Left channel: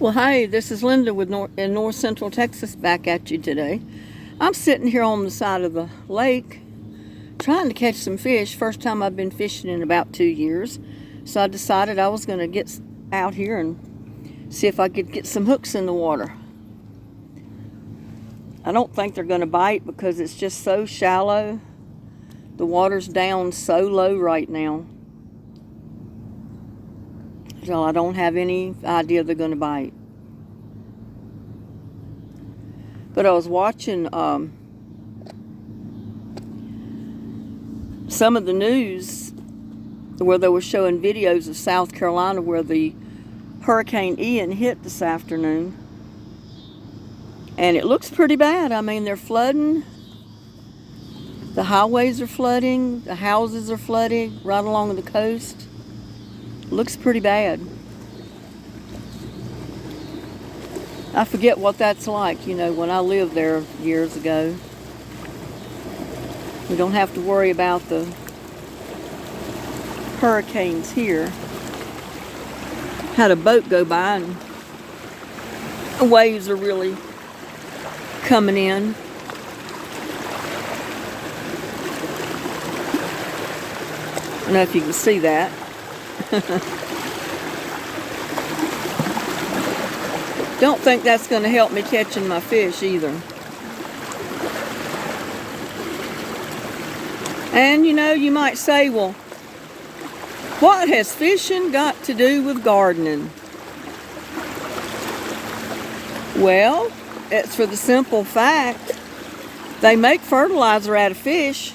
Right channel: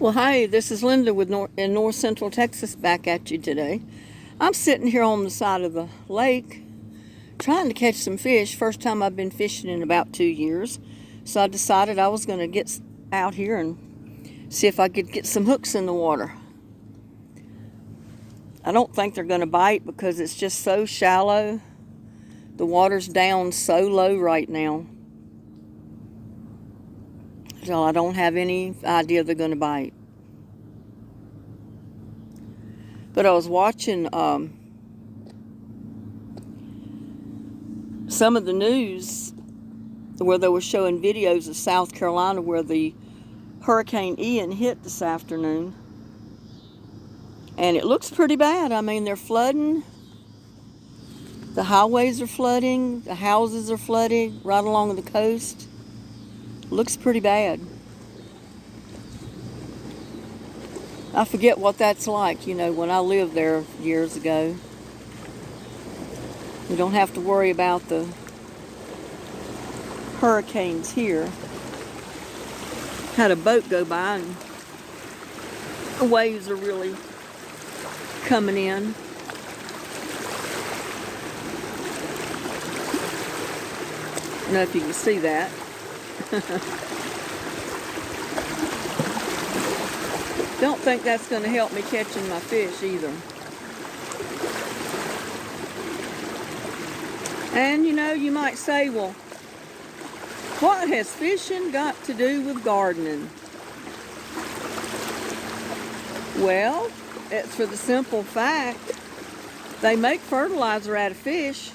Well, hi, this is Linda with in North Central Texas back at you today. I'm sitting here on the side of the lake trying to catch some fish. First time I've been fishing in about 2 years. So I decided I was going to get out here and see if I could get some hooks in the water. I don't think they're going to bite because it's just so shallow. The water's down so low right now. So I don't have any idea they're going to bite. But I was watching some of the news where they were showing videos of South Carolina where the Hurricane Ian hit this afternoon. And it looks pretty bad. I mean, they're flooding. The highways are flooding. The houses are flooding right along the coast. Looks pretty bad. I forget what that's like, when I lived there years ago. We don't have to worry about the hurricanes here. Had a boat go by and the waves are really coming in. I don't know if you can see that. Don't think that's going to help me catching my fish either. And you might say, well, what has fishing got to do with gardening? Well, it's for the simple fact they make fertilizer out of fish.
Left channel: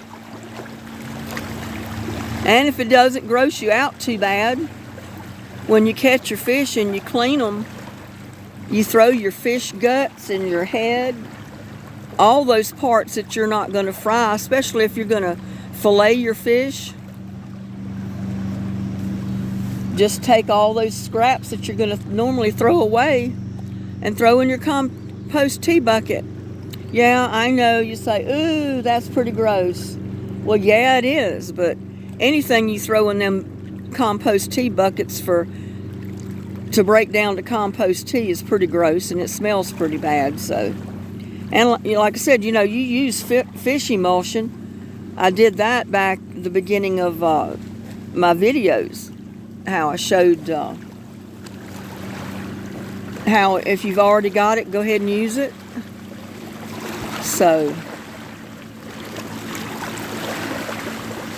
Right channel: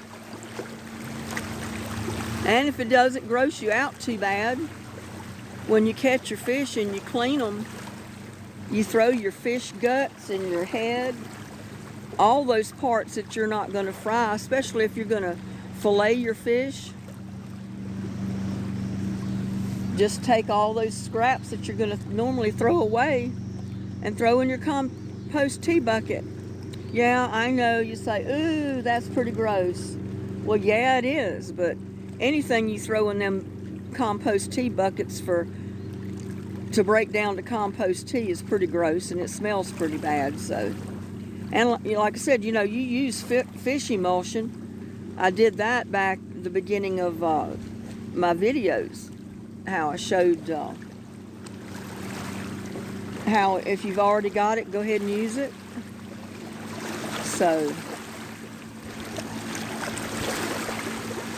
And if it doesn't gross you out too bad, when you catch your fish and you clean them, you throw your fish guts and your head, all those parts that you're not going to fry, especially if you're going to fillet your fish. Just take all those scraps that you're going to normally throw away and throw in your compost tea bucket. Yeah, I know, you say, ooh, that's pretty gross. Well, yeah, it is, but anything you throw in them compost tea buckets to break down to compost tea is pretty gross, and it smells pretty bad. So, and like I said, you use fish emulsion. I did that back at the beginning of my videos, how I showed how if you've already got it, go ahead and use it. So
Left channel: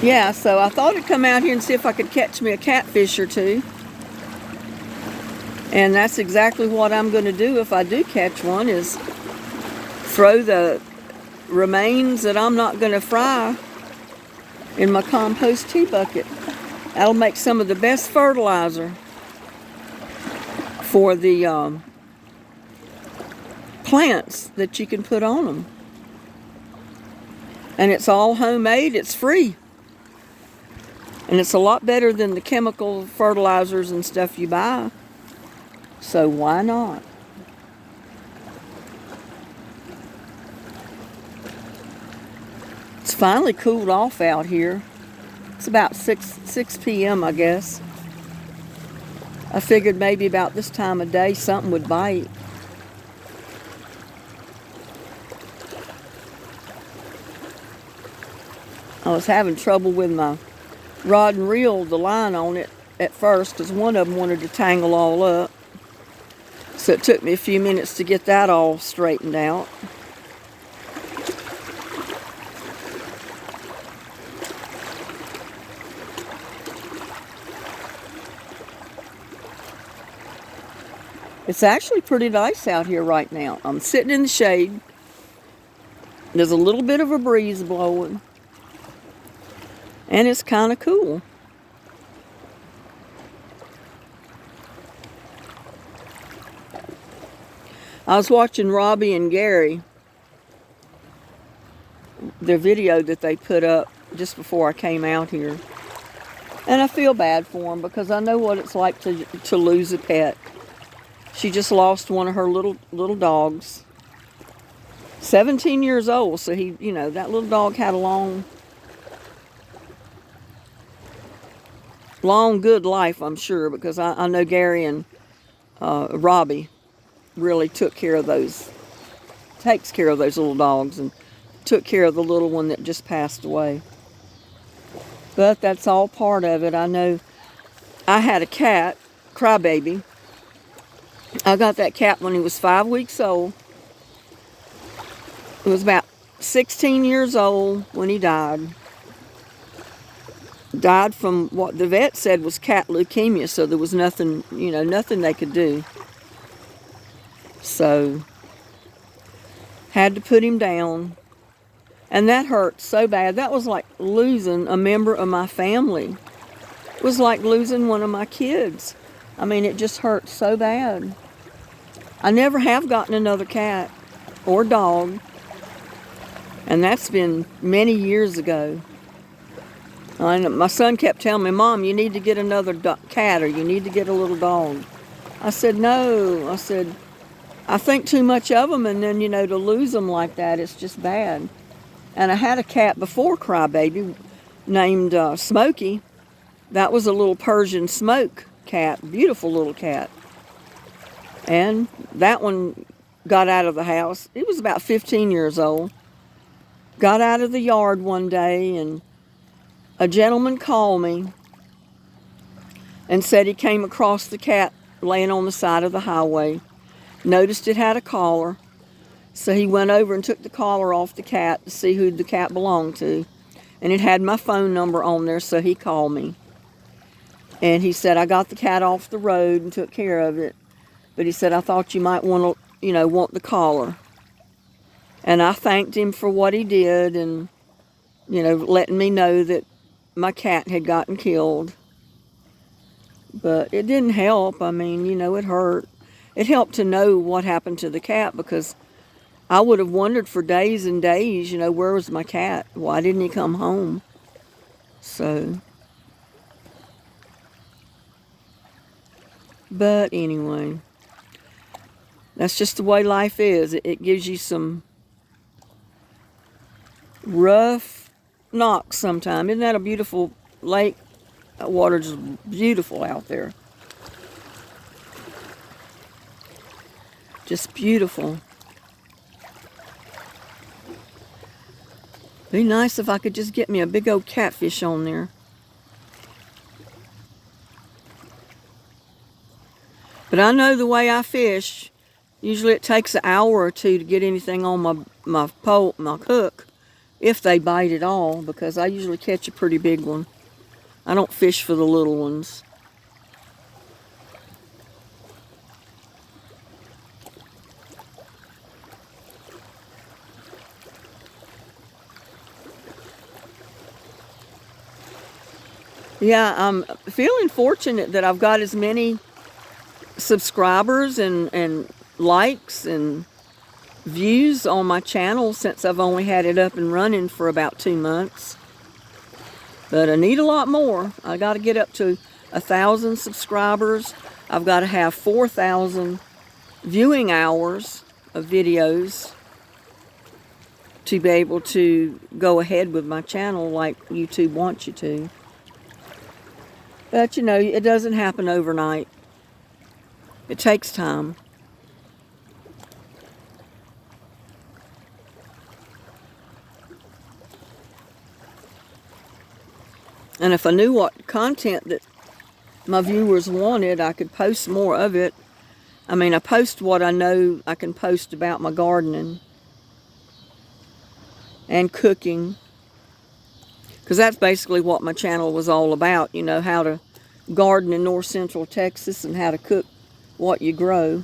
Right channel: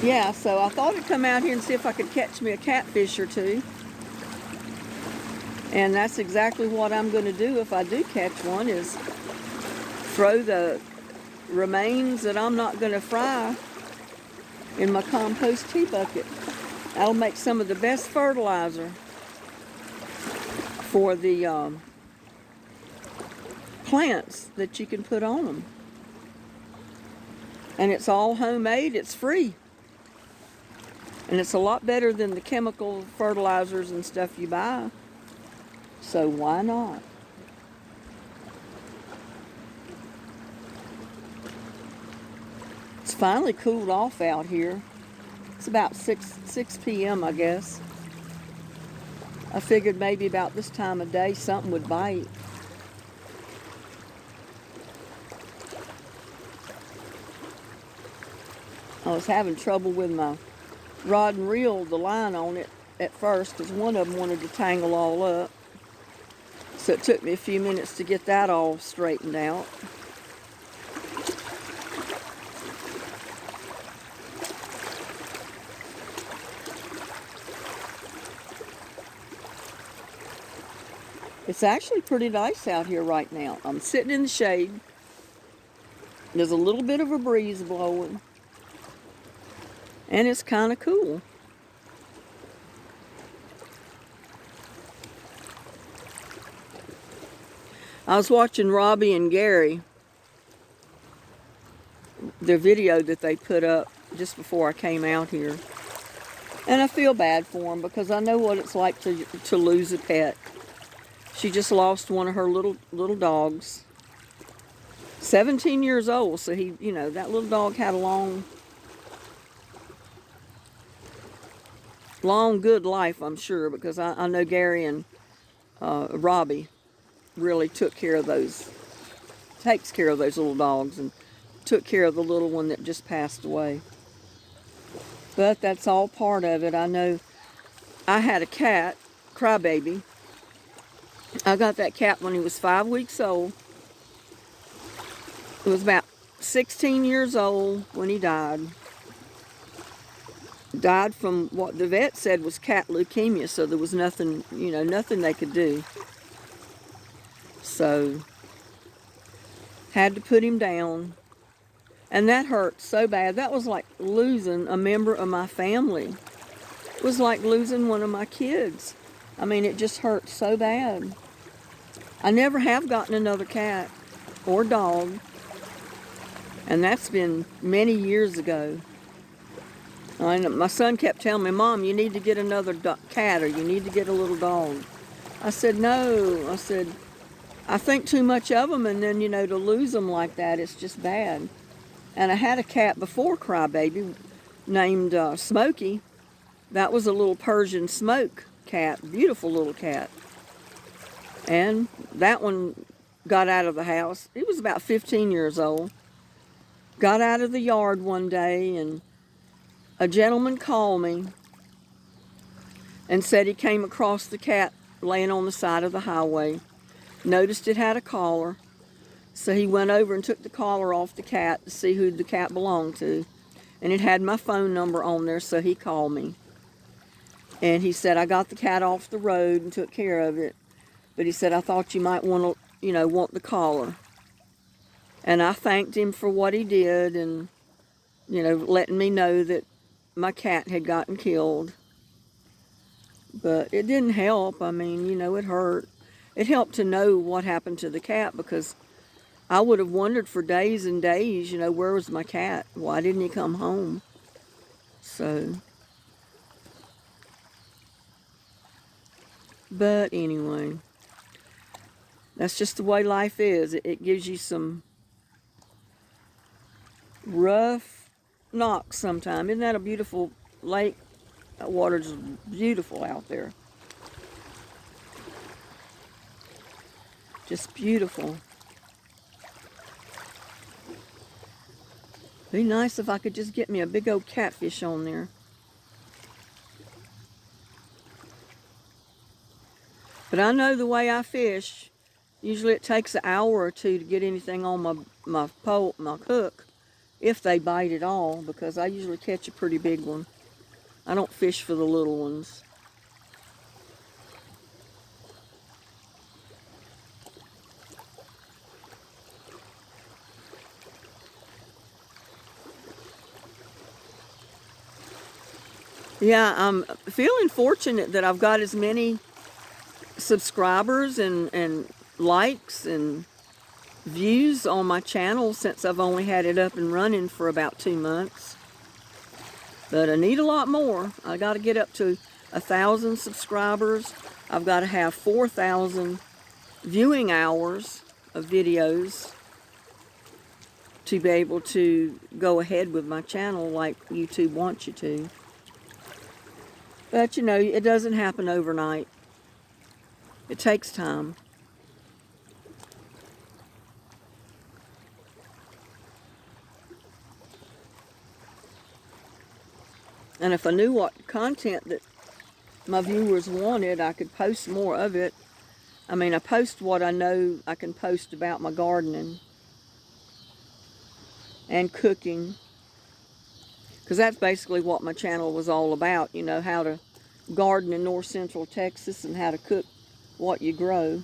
yeah, so I thought I'd come out here and see if I could catch me a catfish or two. And that's exactly what I'm going to do if I do catch one, is throw the remains that I'm not going to fry in my compost tea bucket. That'll make some of the best fertilizer for the plants that you can put on them. And it's all homemade, it's free. And it's a lot better than the chemical fertilizers and stuff you buy. So why not? It's finally cooled off out here. It's about 6 p.m. I guess. I figured maybe about this time of day something would bite. I was having trouble with my rod and reel, the line on it at first, because one of them wanted to tangle all up. So it took me a few minutes to get that all straightened out. It's actually pretty nice out here right now. I'm sitting in the shade. There's a little bit of a breeze blowing. And it's kind of cool. I was watching Robbie and Gary, their video that they put up just before I came out here. And I feel bad for them because I know what it's like to lose a pet. She just lost one of her little dogs. 17 years old, so that little dog had a long good life, I'm sure, because I know Gary and Robbie really takes care of those little dogs, and took care of the little one that just passed away. But that's all part of it. I know I had a cat, Crybaby. I got that cat when he was 5 weeks old. It was about 16 years old when he died. Died from what the vet said was cat leukemia, so there was nothing, nothing they could do. So, had to put him down. And that hurt so bad. That was like losing a member of my family. It was like losing one of my kids. I mean, it just hurt so bad. I never have gotten another cat or dog. And that's been many years ago. And my son kept telling me, Mom, you need to get another cat, or you need to get a little dog. I said, no. I said, I think too much of them, and then, to lose them like that, it's just bad. And I had a cat before Crybaby named Smokey. That was a little Persian smoke cat, beautiful little cat. And that one got out of the house. It was about 15 years old. Got out of the yard one day, and a gentleman called me and said he came across the cat laying on the side of the highway. Noticed it had a collar. So he went over and took the collar off the cat to see who the cat belonged to. And it had my phone number on there, so he called me. And he said, I got the cat off the road and took care of it. But he said, I thought you might want to, want the collar. And I thanked him for what he did and, letting me know that my cat had gotten killed. But it didn't help. I mean, it hurt. It helped to know what happened to the cat, because I would have wondered for days and days, where was my cat? Why didn't he come home? So, but anyway, that's just the way life is. It gives you some rough knocks sometimes. Isn't that a beautiful lake? That water's beautiful out there. Just beautiful. Be nice if I could just get me a big old catfish on there. But I know the way I fish, usually it takes an hour or two to get anything on my pole, my hook, if they bite at all, because I usually catch a pretty big one. I don't fish for the little ones. Yeah, I'm feeling fortunate that I've got as many subscribers and likes and views on my channel since I've only had it up and running for about 2 months. But I need a lot more. I got to get up to 1,000 subscribers. I've got to have 4,000 viewing hours of videos to be able to go ahead with my channel like YouTube wants you to. But, it doesn't happen overnight. It takes time. And if I knew what content that my viewers wanted, I could post more of it. I mean, I post what I know I can post about my gardening and cooking. Because that's basically what my channel was all about, how to garden in north central Texas and how to cook what you grow.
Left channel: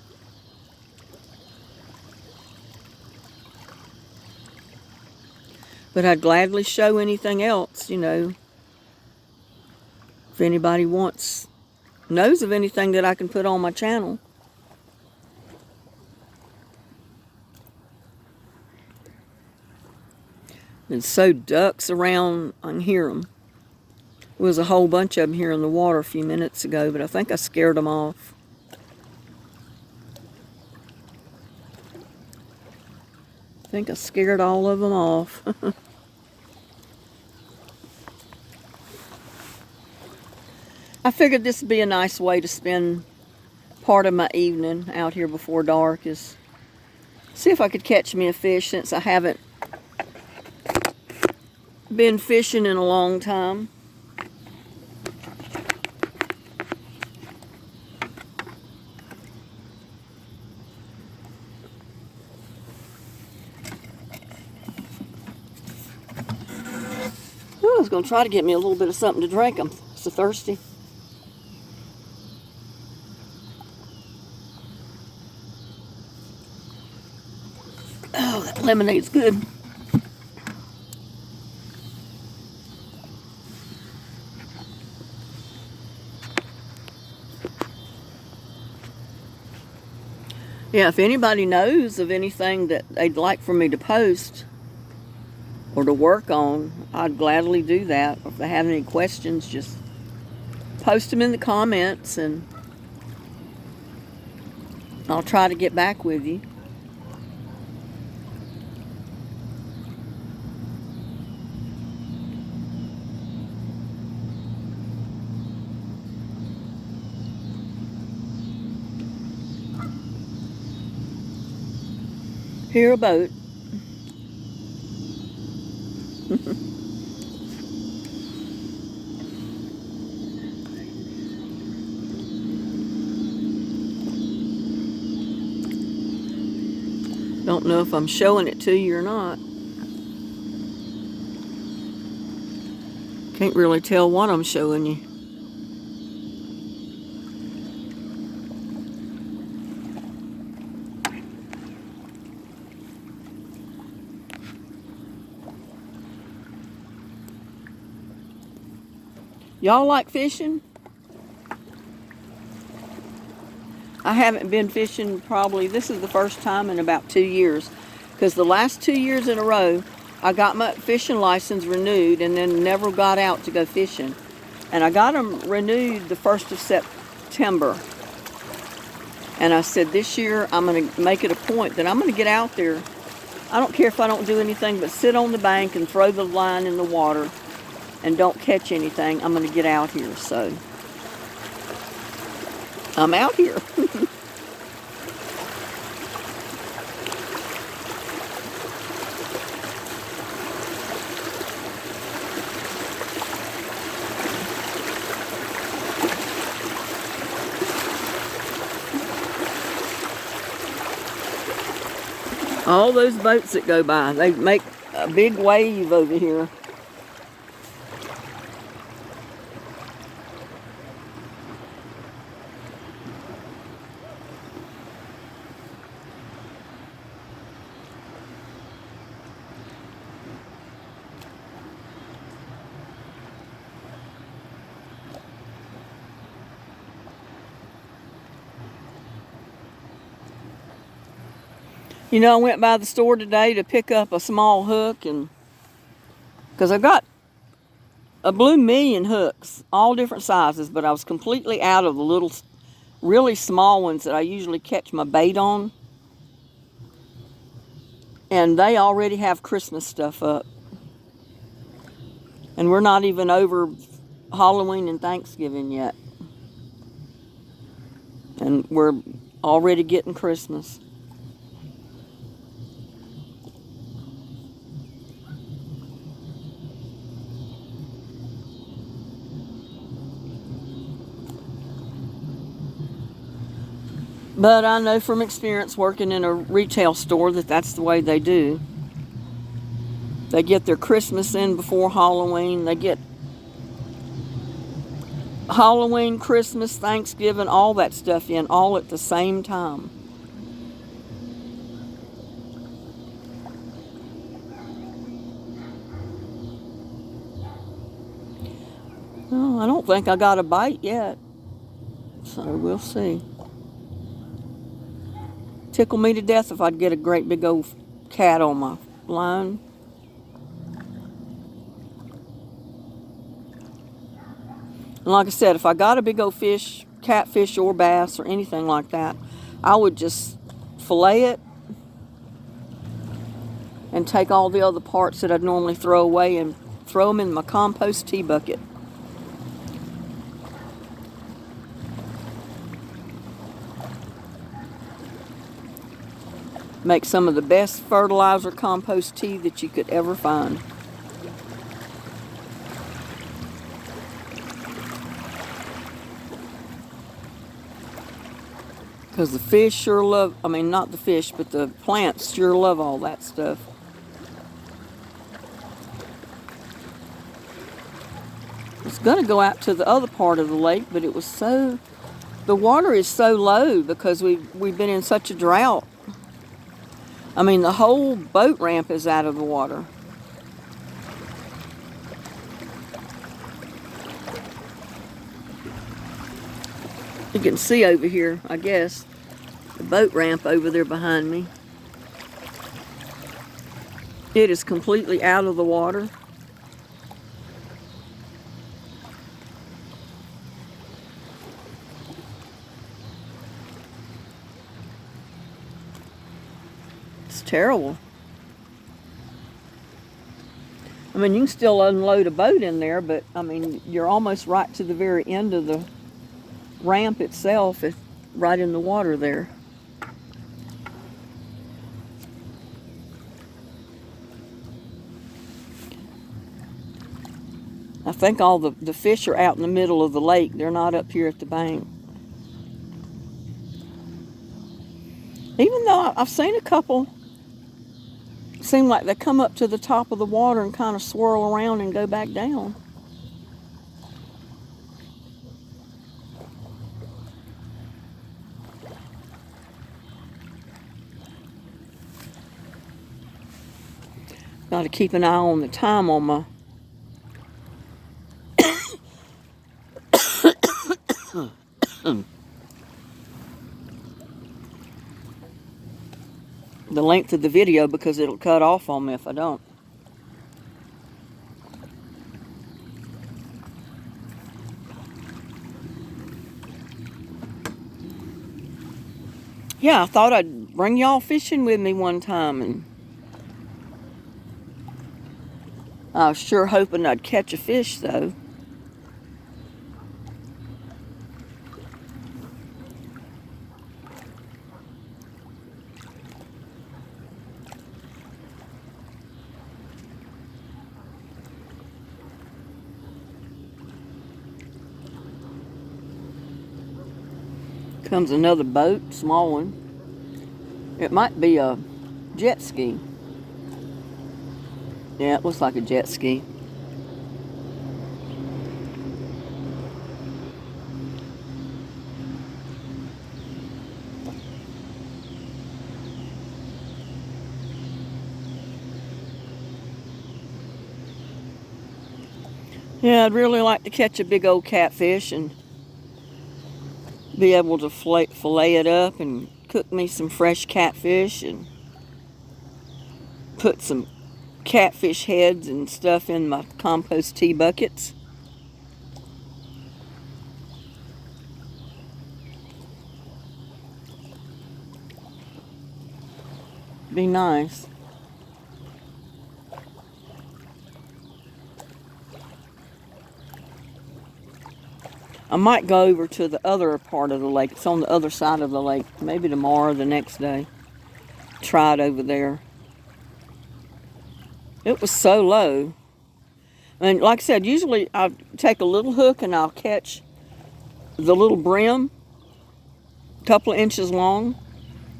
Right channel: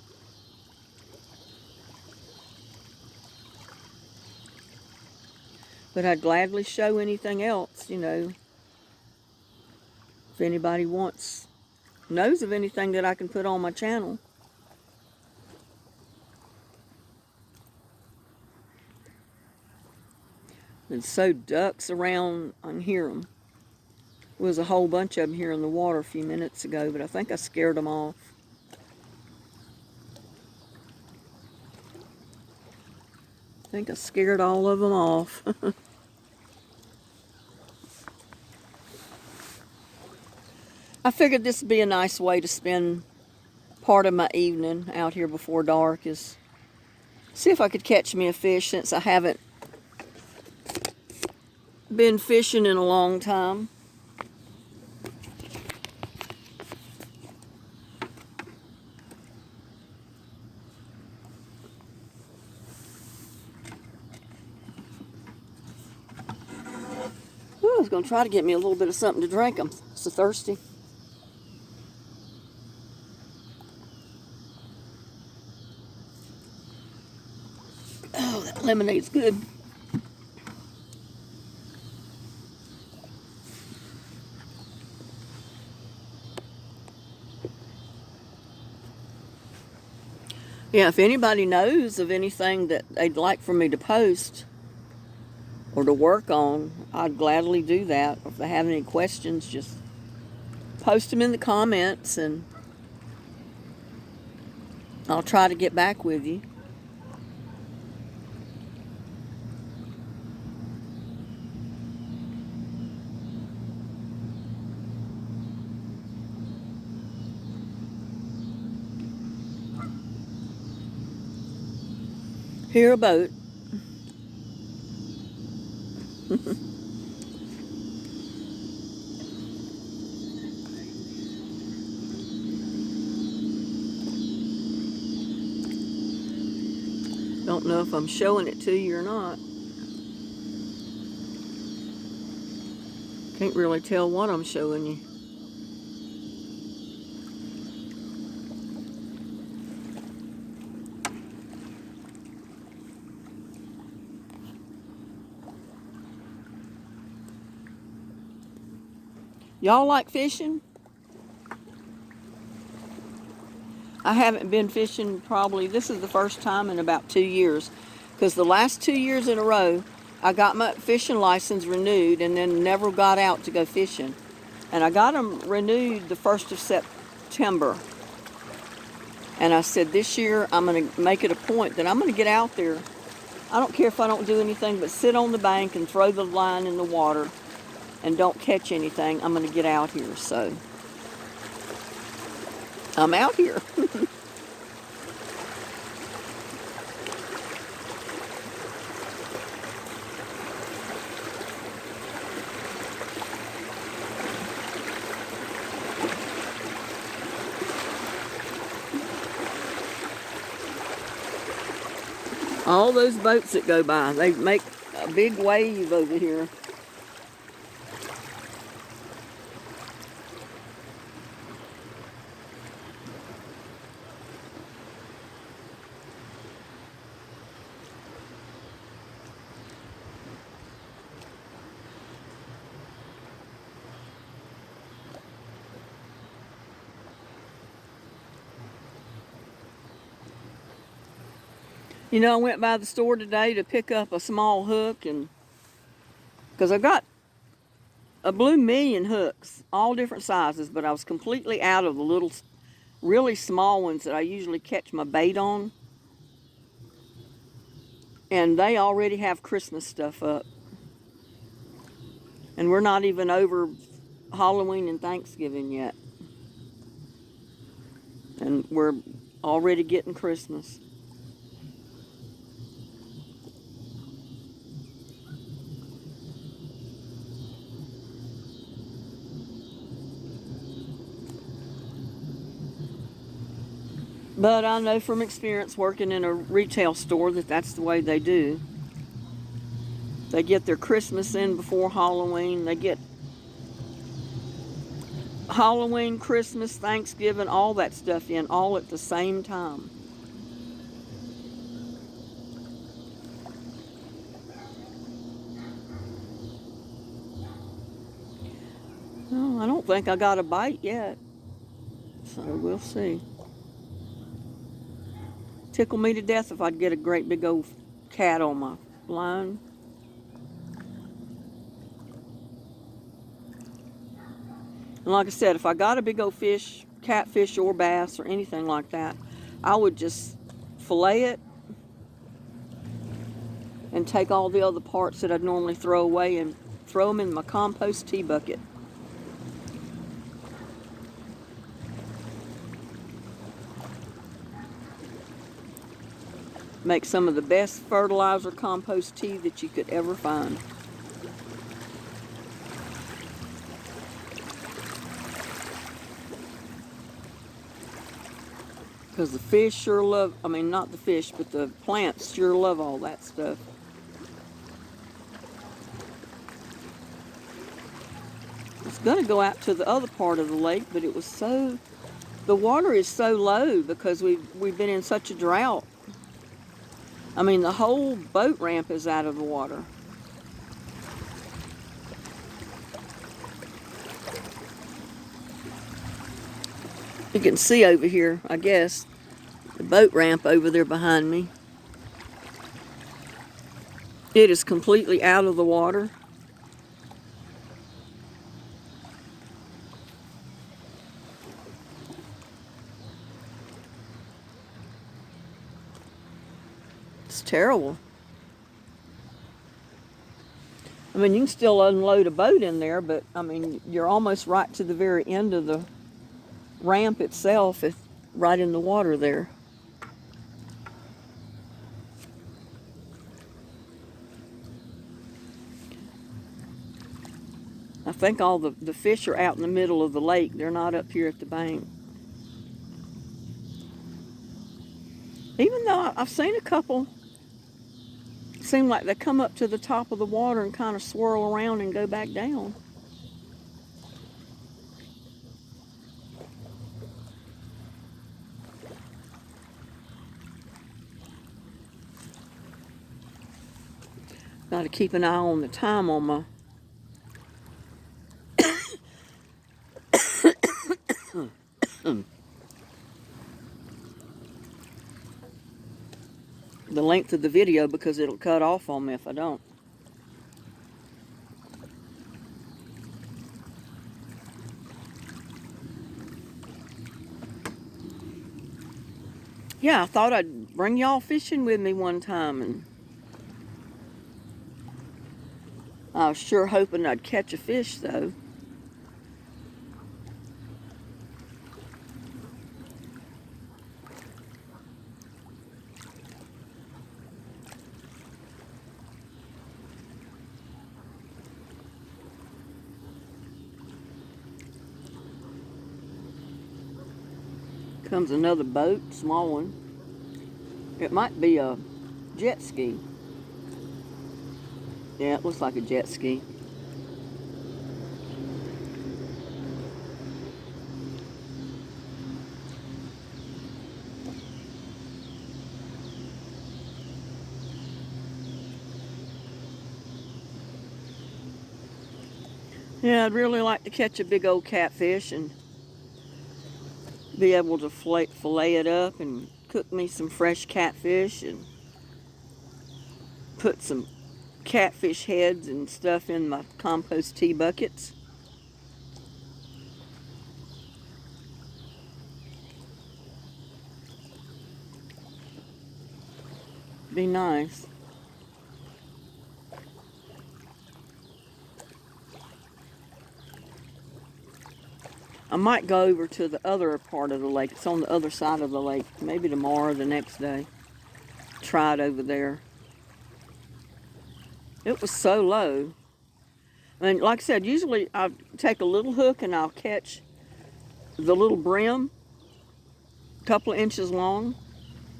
But I'd gladly show anything else, if anybody knows of anything that I can put on my channel. And so ducks around, I can hear them. There was a whole bunch of them here in the water a few minutes ago, but I think I scared them off. I think I scared all of them off. I figured this would be a nice way to spend part of my evening out here before dark is see if I could catch me a fish, since I haven't been fishing in a long time. Ooh, I was going to try to get me a little bit of something to drink. I'm so thirsty. Oh, that lemonade's good. Yeah, if anybody knows of anything that they'd like for me to post or to work on, I'd gladly do that. If they have any questions, just post them in the comments and I'll try to get back with you. Hear a boat. Don't know if I'm showing it to you or not. Can't really tell what I'm showing you. Y'all like fishing? I haven't been fishing probably, this is the first time in about 2 years. Because the last 2 years in a row, I got my fishing license renewed and then never got out to go fishing. And I got them renewed the 1st of September. And I said this year I'm going to make it a point that I'm going to get out there. I don't care if I don't do anything but sit on the bank and throw the line in the water and don't catch anything. I'm going to get out here. So I'm out here. All those boats that go by, they make a big wave over here. You know, I went by the store today to pick up a small hook, and because I got a blue million hooks, all different sizes, but I was completely out of the little, really small ones that I usually catch my bait on. And they already have Christmas stuff up. And we're not even over Halloween and Thanksgiving yet. And we're already getting Christmas. But I know from experience working in a retail store that that's the way they do. They get their Christmas in before Halloween. They get Halloween, Christmas, Thanksgiving, all that stuff in all at the same time. Well, I don't think I got a bite yet. So we'll see. Tickle me to death if I'd get a great big old cat on my line. And like I said, if I got a big old fish, catfish or bass or anything like that, I would just fillet it and take all the other parts that I'd normally throw away and throw them in my compost tea bucket. Make some of the best fertilizer compost tea that you could ever find. Because the fish sure love, I mean, not the fish, but the plants sure love all that stuff. It's going to go out to the other part of the lake, but it was so, the water is so low because we've been in such a drought. I mean, the whole boat ramp is out of the water. You can see over here, I guess, the boat ramp over there behind me. It is completely out of the water. It's terrible. I mean, you can still unload a boat in there, but I mean, you're almost right to the very end of the ramp itself, it's right in the water there. I think all the fish are out in the middle of the lake. They're not up here at the bank. Even though I've seen a couple seem like they come up to the top of the water and kind of swirl around and go back down. Got to keep an eye on the time on my the length of the video, because it'll cut off on me if I don't. Yeah, I thought I'd bring y'all fishing with me one time, and I was sure hoping I'd catch a fish, though. Comes another boat, small one. It might be a jet ski. Yeah, it looks like a jet ski. Yeah, I'd really like to catch a big old catfish and be able to fillet it up and cook me some fresh catfish and put some catfish heads and stuff in my compost tea buckets. Be nice. I might go over to the other part of the lake. It's on the other side of the lake. Maybe tomorrow or the next day. Try it over there. It was so low. And like I said, usually I take a little hook and I'll catch the little brim, a couple of inches long.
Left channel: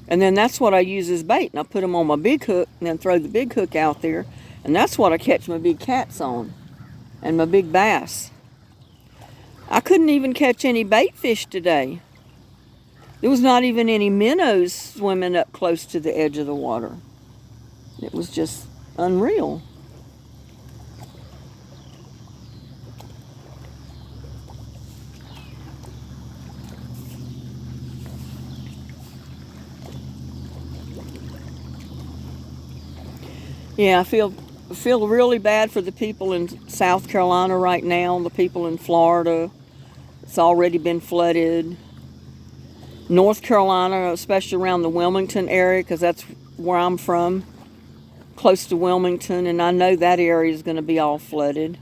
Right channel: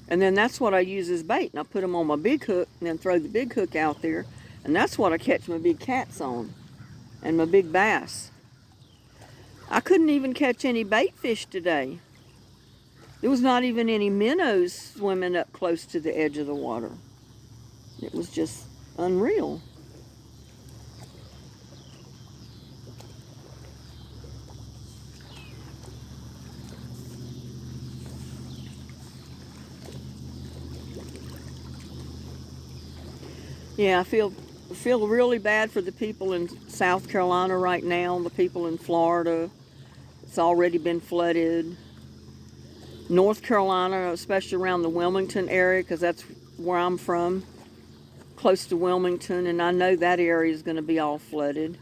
And then that's what I use as bait. And I put them on my big hook and then throw the big hook out there. And that's what I catch my big cats on and my big bass. I couldn't even catch any bait fish today. There was not even any minnows swimming up close to the edge of the water. It was just unreal. Yeah, I feel really bad for the people in South Carolina right now, the people in Florida. It's already been flooded. North Carolina, especially around the Wilmington area, because that's where I'm from, close to Wilmington, and I know that area is going to be all flooded.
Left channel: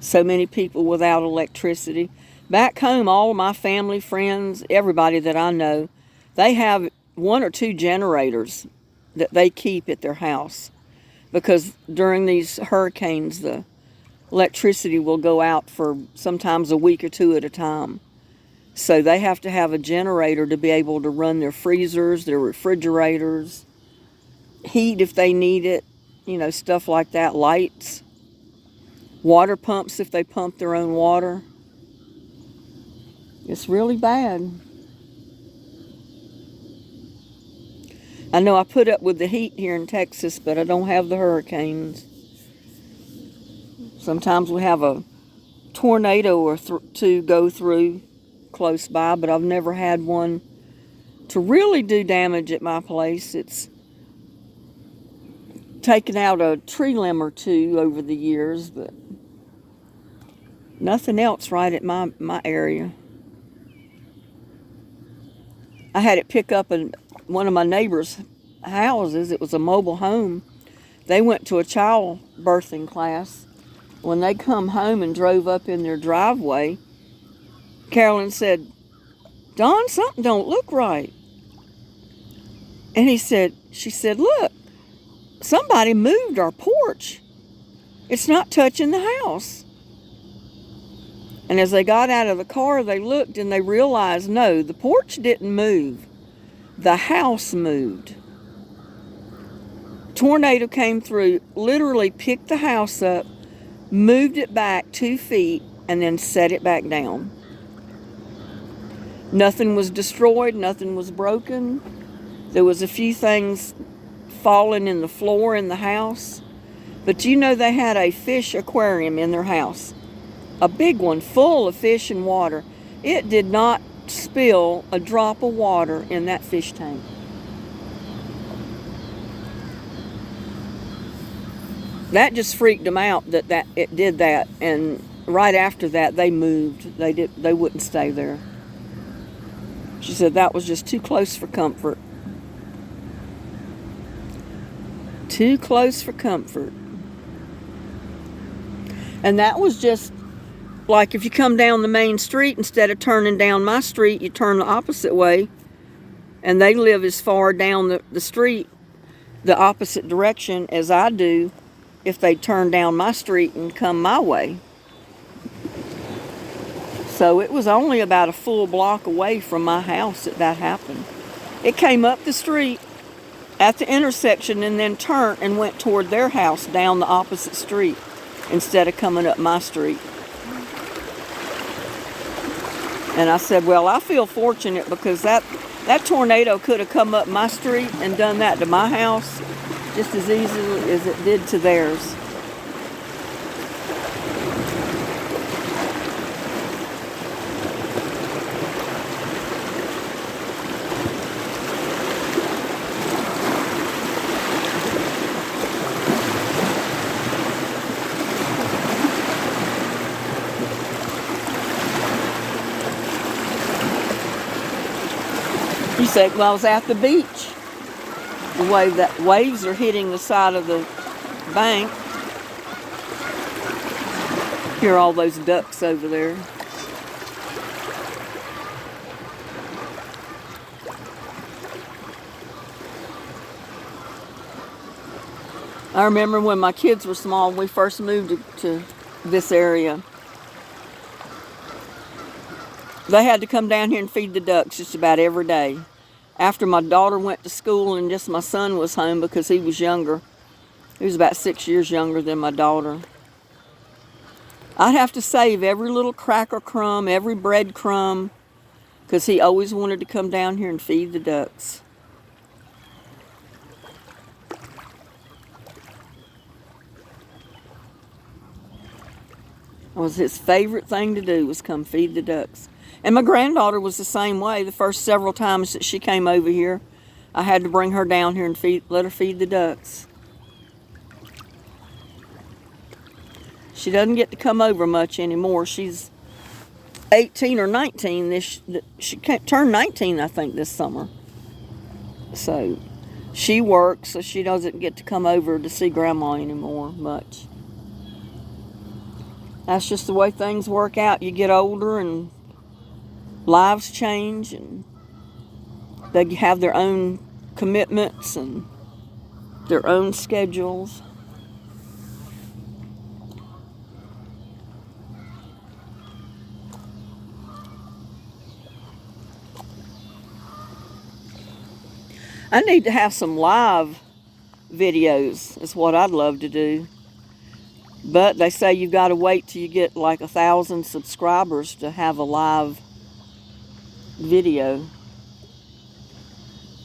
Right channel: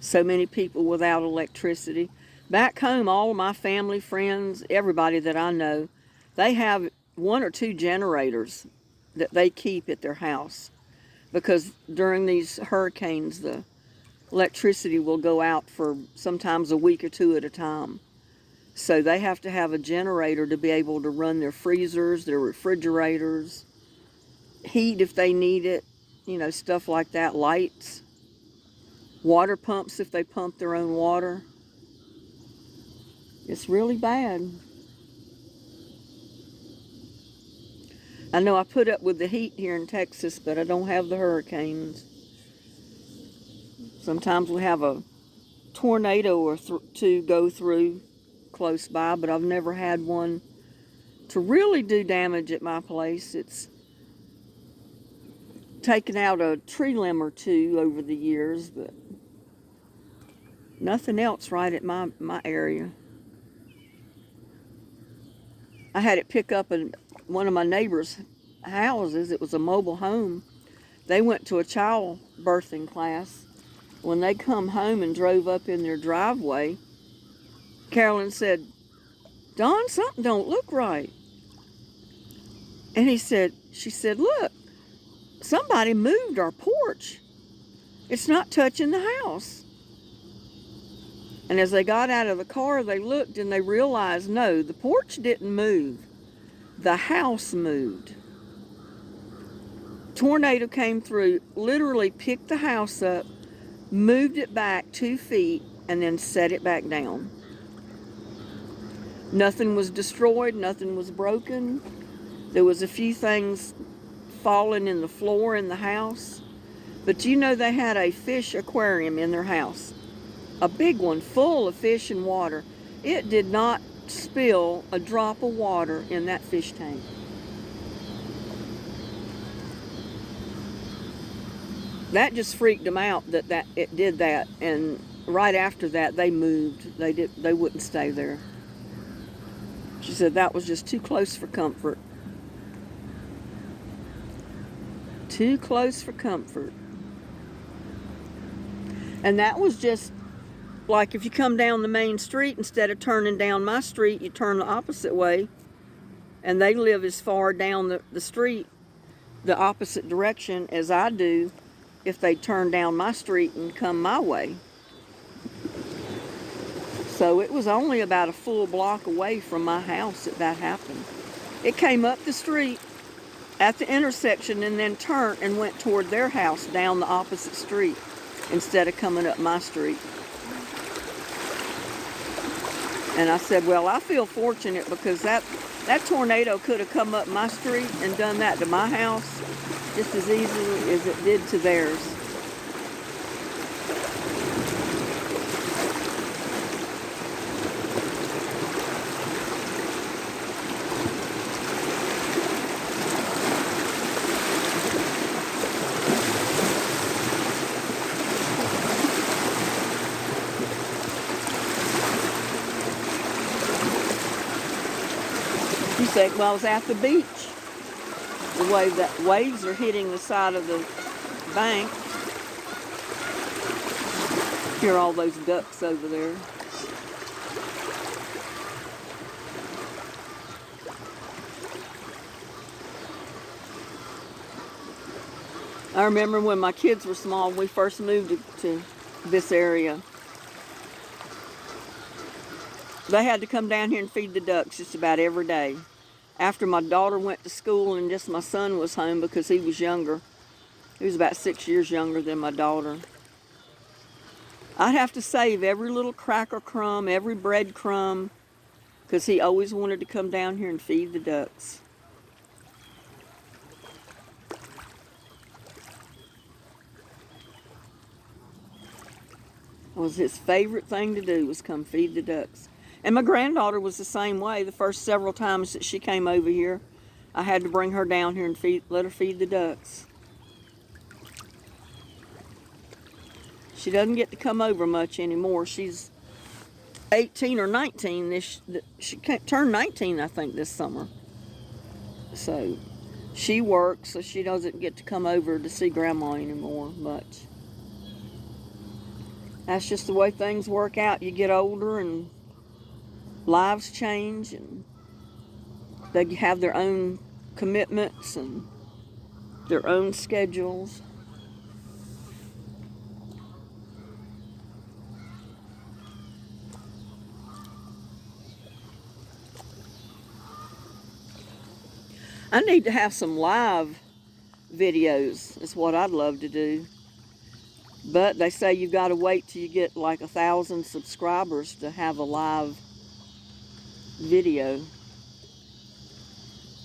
So many people without electricity. Back home, all of my family, friends, everybody that I know, they have one or two generators that they keep at their house, because during these hurricanes, the electricity will go out for sometimes a week or two at a time. So they have to have a generator to be able to run their freezers, their refrigerators, heat if they need it, stuff like that, lights, water pumps if they pump their own water. It's really bad. I know I put up with the heat here in Texas, but I don't have the hurricanes. Sometimes we have a tornado or two go through close by, but I've never had one to really do damage at my place. It's taken out a tree limb or two over the years, but nothing else right at my area. I had it pick up in one of my neighbors' houses. It was a mobile home. They went to a child birthing class. When they come home and drove up in their driveway, Carolyn said, "Don, something don't look right." And she said, "Look, somebody moved our porch. It's not touching the house." And as they got out of the car, they looked and they realized, no, the porch didn't move. The house moved. Tornado came through, literally picked the house up, moved it back 2 feet, and then set it back down. Nothing was destroyed, nothing was broken. There was a few things falling in the floor in the house. But they had a fish aquarium in their house. A big one full of fish and water. It did not spill a drop of water in that fish tank. That just freaked them out that it did that, and right after that they moved. They wouldn't stay there. She said that was just too close for comfort. Too close for comfort. And that was just like if you come down the main street, instead of turning down my street, you turn the opposite way. And they live as far down the street, the opposite direction as I do, if they turn down my street and come my way. So it was only about a full block away from my house that happened. It came up the street at the intersection and then turned and went toward their house down the opposite street instead of coming up my street. And I said, well, I feel fortunate because that tornado could have come up my street and done that to my house just as easily as it did to theirs. You say, well, I was at the beach. The way that waves are hitting the side of the bank. Hear all those ducks over there. I remember when my kids were small, we first moved to this area. They had to come down here and feed the ducks just about every day. After my daughter went to school and just my son was home because he was younger. He was about 6 years younger than my daughter. I'd have to save every little cracker crumb, every bread crumb, because he always wanted to come down here and feed the ducks. It was his favorite thing to do was come feed the ducks. And my granddaughter was the same way. The first several times that she came over here, I had to bring her down here and let her feed the ducks. She doesn't get to come over much anymore. She's 18 or 19. She can't turn 19, I think, this summer. So she works, so she doesn't get to come over to see Grandma anymore much. That's just the way things work out. You get older and lives change, and They have their own commitments and their own schedules. I need to have some live videos is what I'd love to do. But they say you've got to wait till you get like 1,000 subscribers to have a live video.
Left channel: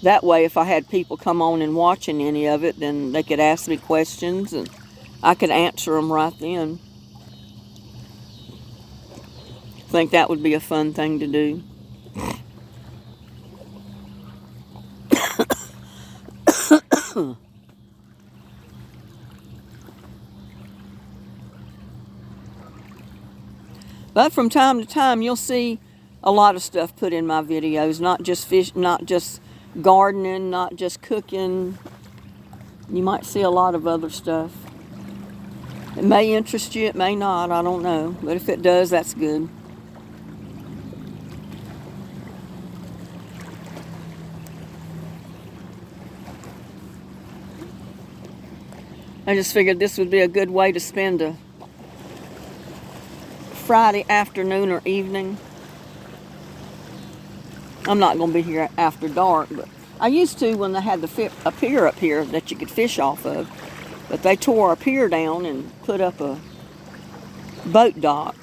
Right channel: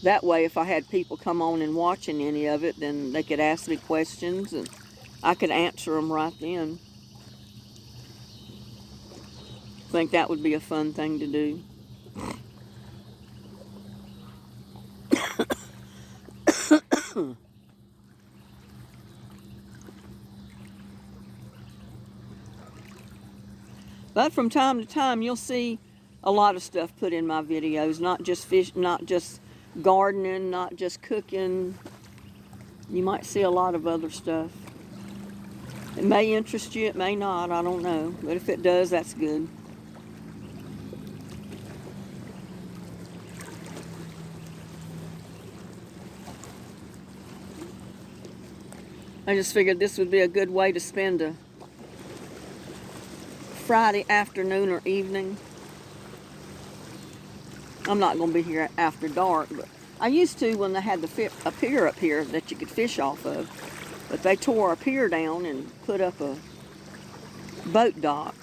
That way, if I had people come on and watching any of it, then they could ask me questions and I could answer them right then. I think that would be a fun thing to do. But from time to time, you'll see a lot of stuff put in my videos, not just fish, not just gardening, not just cooking. You might see a lot of other stuff. It may interest you, it may not, I don't know. But if it does, that's good. I just figured this would be a good way to spend a Friday afternoon or evening. I'm not going to be here after dark, but I used to when they had a pier up here that you could fish off of. But they tore a pier down and put up a boat dock,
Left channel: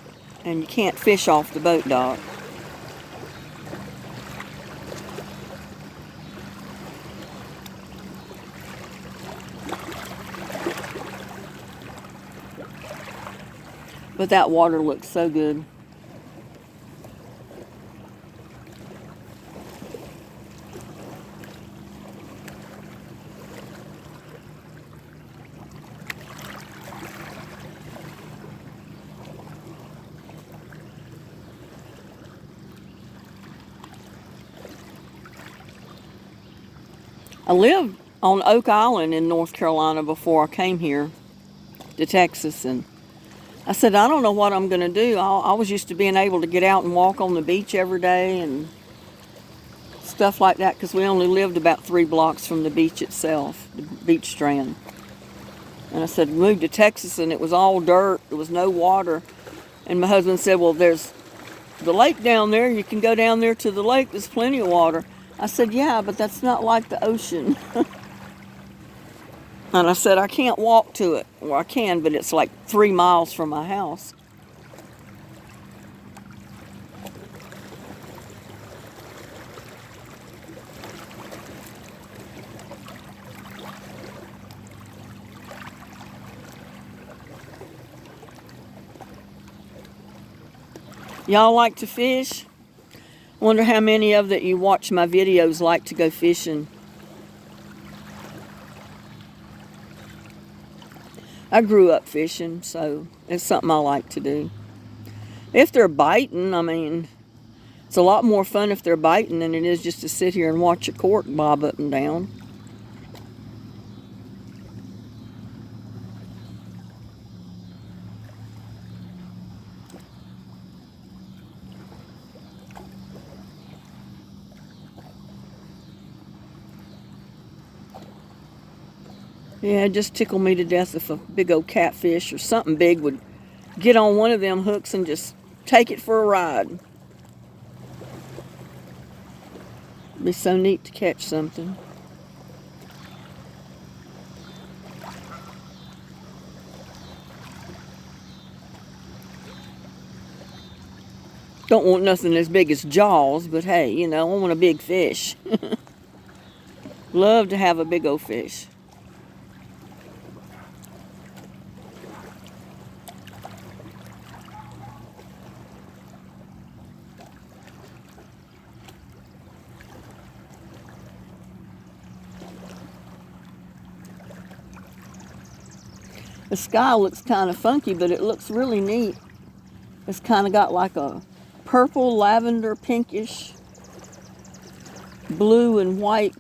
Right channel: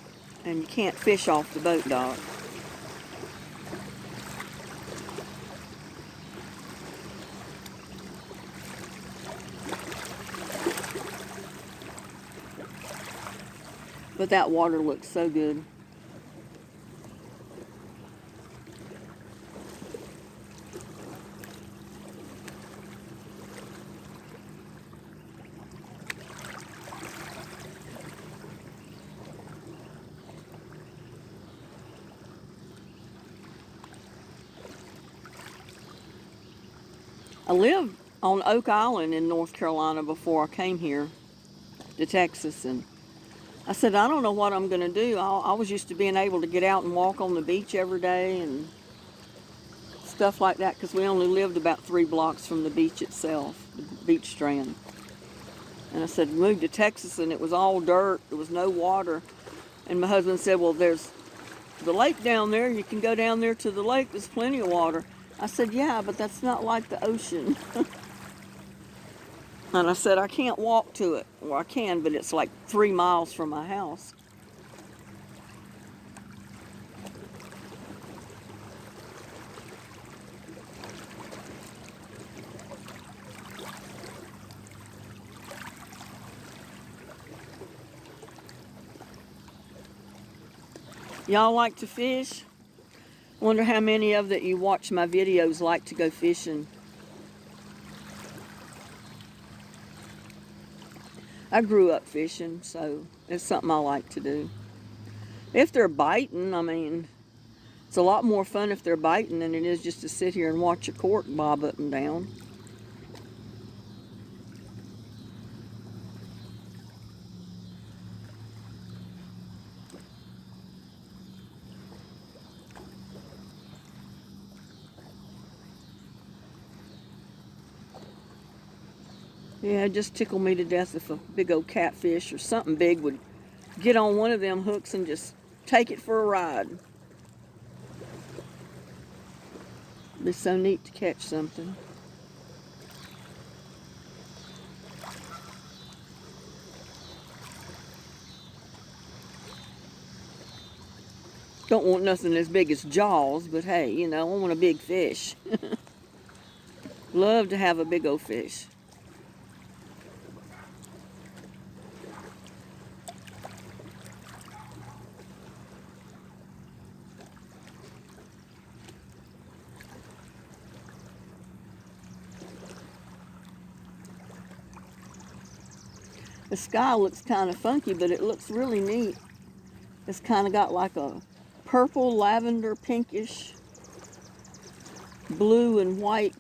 and you can't fish off the boat dock. But that water looks so good. I lived on Oak Island in North Carolina before I came here to Texas, and I said, I don't know what I'm going to do. I was used to being able to get out and walk on the beach every day and stuff like that, because we only lived about 3 blocks from the beach itself, the beach strand. And I said, we moved to Texas and it was all dirt. There was no water. And my husband said, well, there's the lake down there. You can go down there to the lake. There's plenty of water. I said, yeah, but that's not like the ocean. And I said, I can't walk to it. Well, I can, but it's like 3 miles from my house. Y'all like to fish? Wonder how many of that you watch my videos like to go fishing. I grew up fishing, so it's something I like to do. If they're biting, I mean, it's a lot more fun if they're biting than it is just to sit here and watch a cork bob up and down. Yeah, it just tickled me to death if a big old catfish or something big would get on one of them hooks and just take it for a ride. It'd be so neat to catch something. Don't want nothing as big as Jaws, but hey, you know, I want a big fish. Love to have a big old fish. The sky looks kind of funky, but it looks really neat. It's kind of got like a purple, lavender, pinkish, blue and white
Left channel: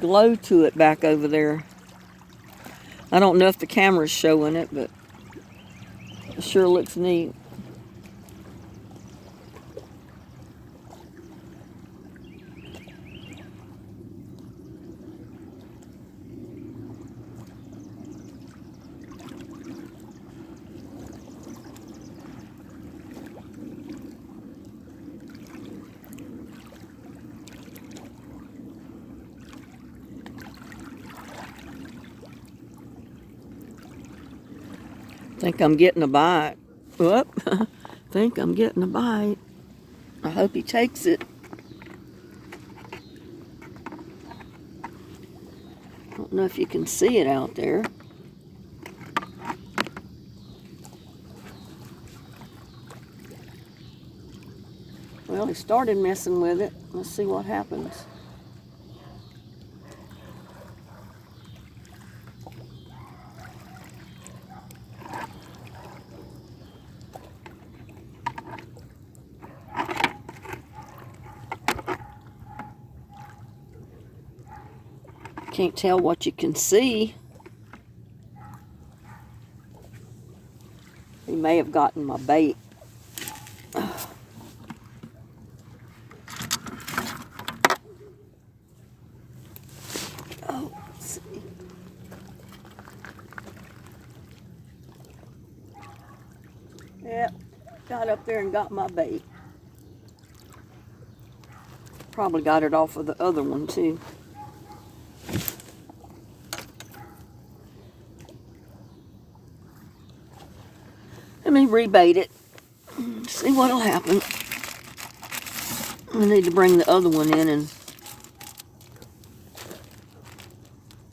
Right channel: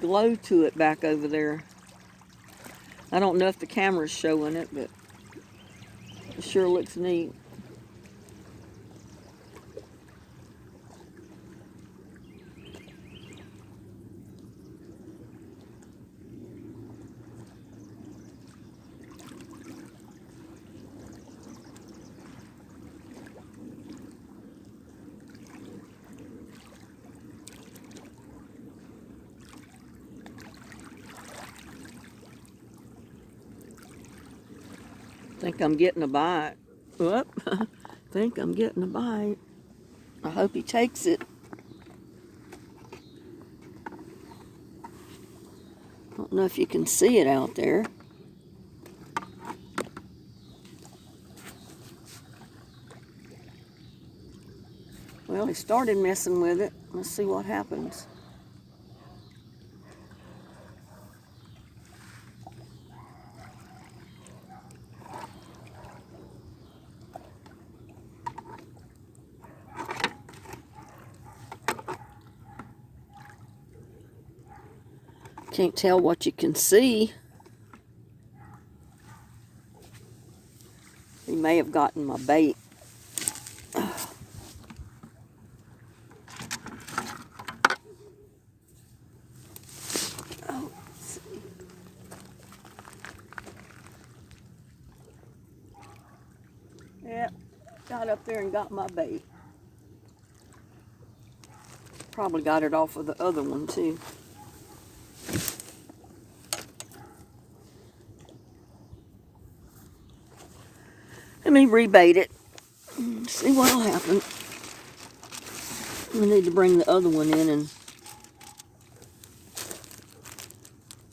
glow to it back over there. I don't know if the camera's showing it, but it sure looks neat. Think I'm getting a bite. Whoop. Think I'm getting a bite. I hope he takes it. Don't know if you can see it out there. Well, he started messing with it. Let's see what happens. Can't tell what you can see. He may have gotten my bait. Oh, let's see. Yep, got up there and got my bait. Probably got it off of the other one too. Let me rebait it. See what'll happen. I need to bring the other one in and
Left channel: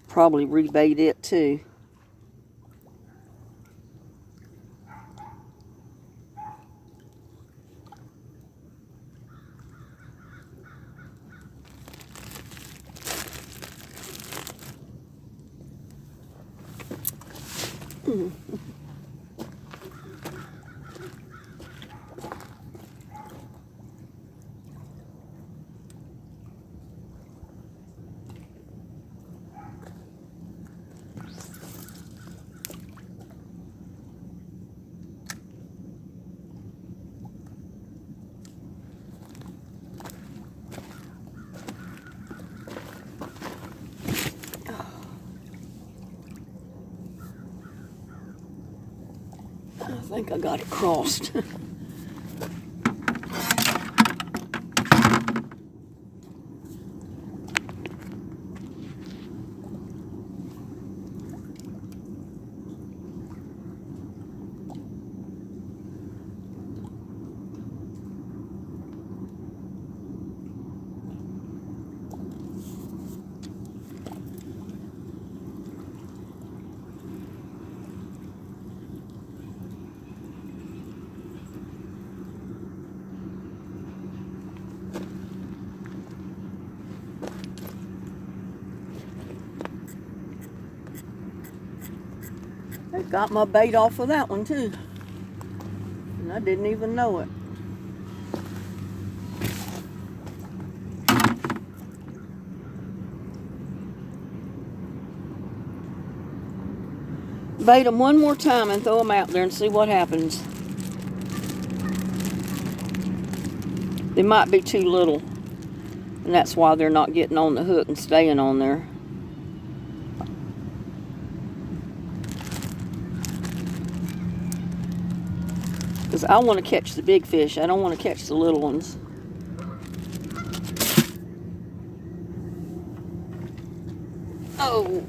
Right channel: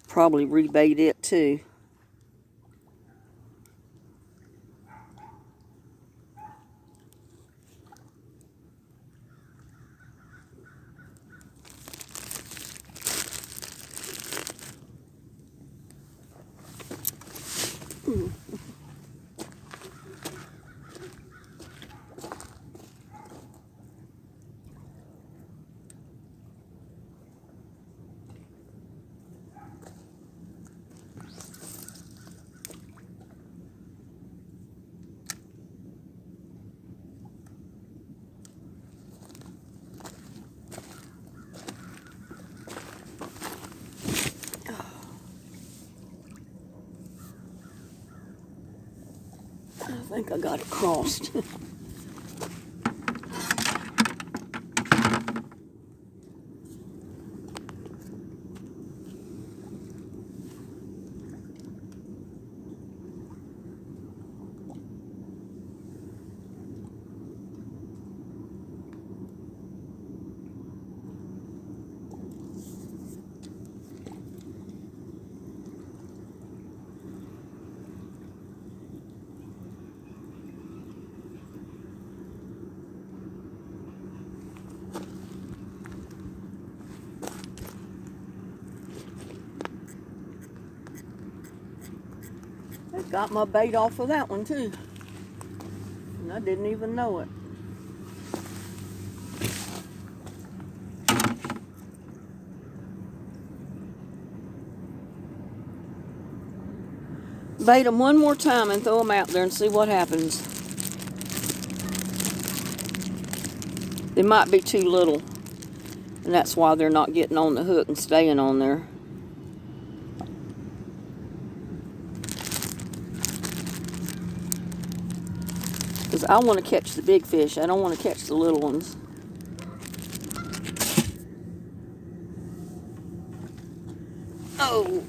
probably rebait it too. I think I got it crossed. I got my bait off of that one too. And I didn't even know it. Bait them one more time and throw them out there and see what happens. They might be too little, and that's why they're not getting on the hook and staying on there. Because I want to catch the big fish. I don't want to catch the little ones. Oh.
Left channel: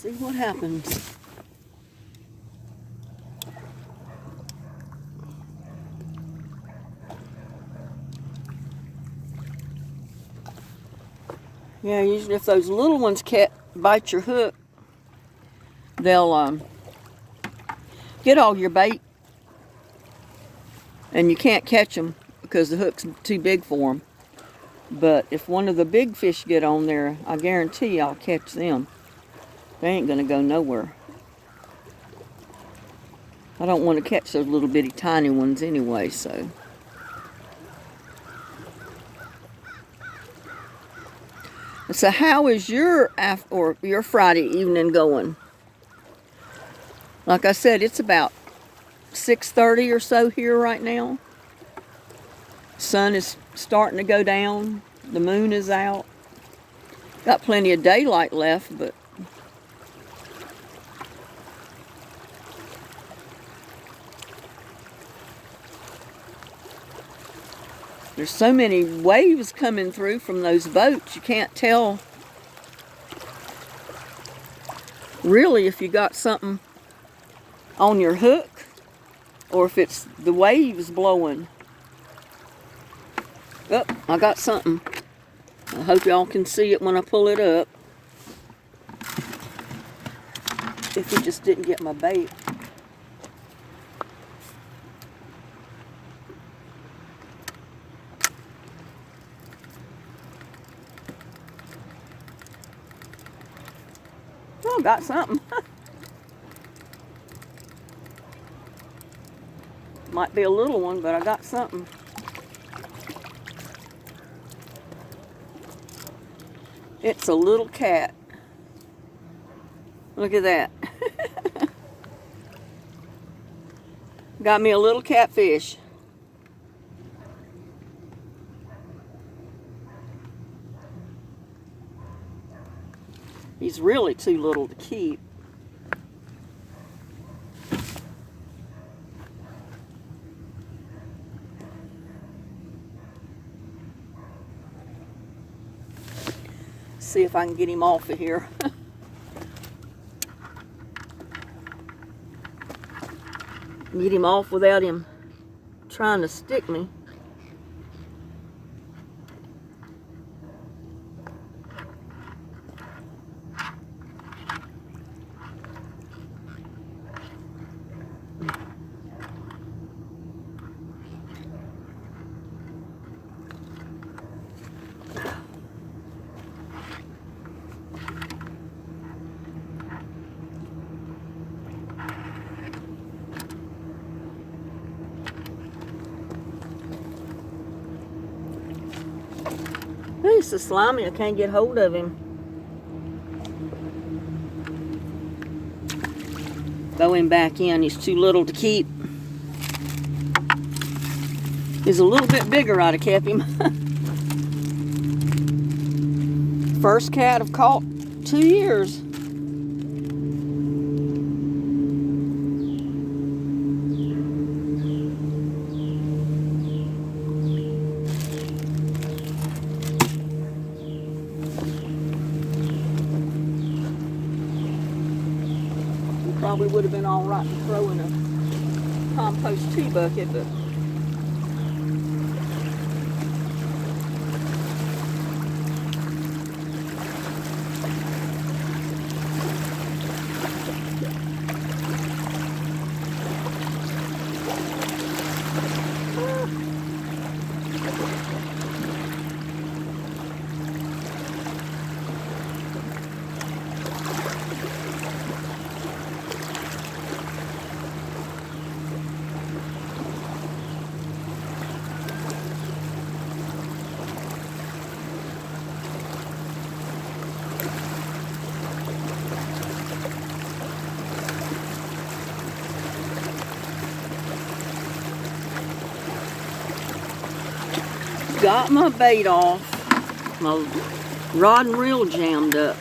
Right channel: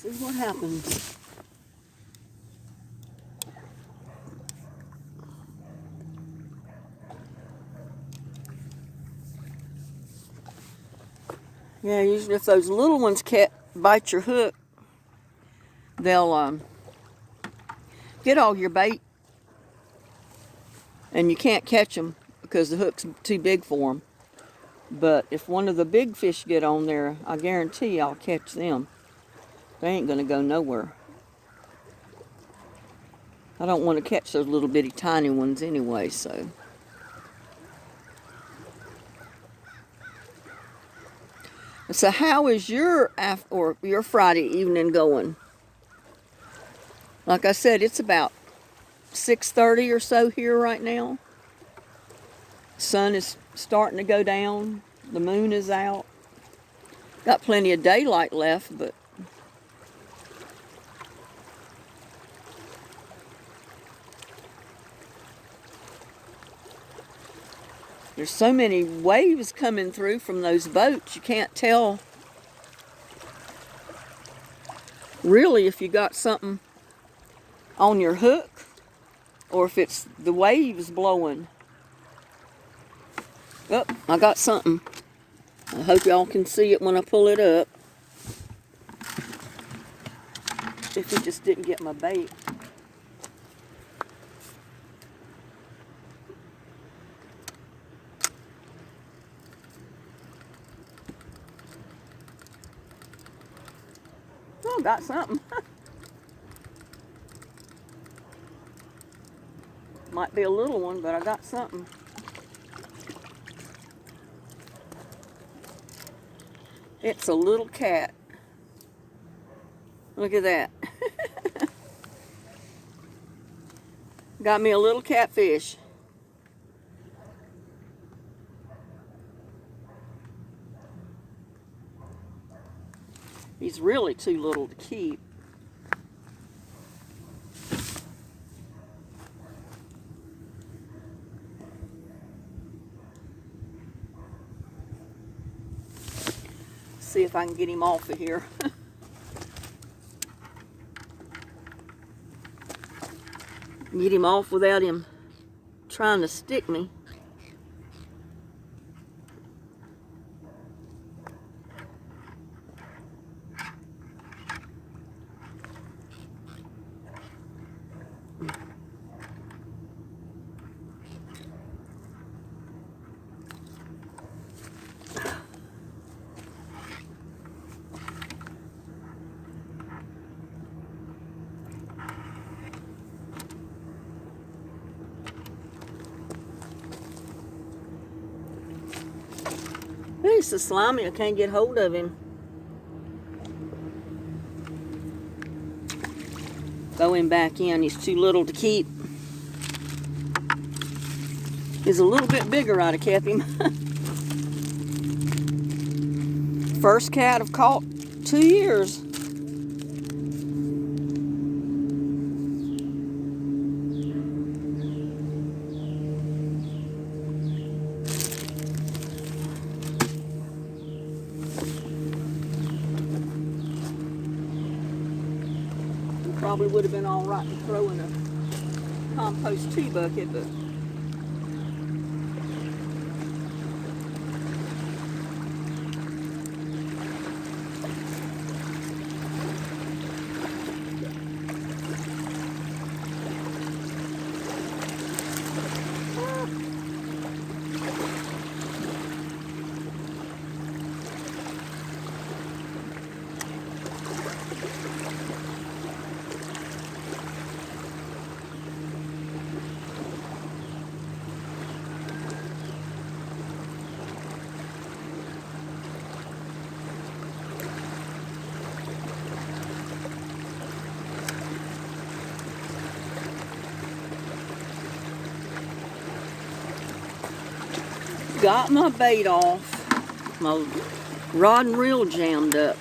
See what happens. Yeah, usually if those little ones bite your hook, they'll get all your bait, and you can't catch them because the hook's too big for them. But if one of the big fish get on there, I guarantee I'll catch them. They ain't gonna go nowhere. I don't want to catch those little bitty tiny ones anyway, so. So how is your your Friday evening going? Like I said, it's about 6:30 or so here right now. Sun is starting to go down. The moon is out. Got plenty of daylight left, but there's so many waves coming through from those boats, you can't tell really if you got something on your hook or if it's the waves blowing. Oh, I got something. I hope y'all can see it when I pull it up. If you just didn't get my bait. Oh, got something. Might be a little one, but I got something. It's a little cat. Look at that. Got me a little catfish. He's really too little to keep. See if I can get him off of here. Get him off without him trying to stick me. He's so slimy I can't get hold of him. Throw him back in. He's too little to keep. He's a little bit bigger, I'd have kept him. First cat I've caught 2 years. Probably would have been all right to throw in a compost tea bucket, but got my bait off. My rod and reel jammed up.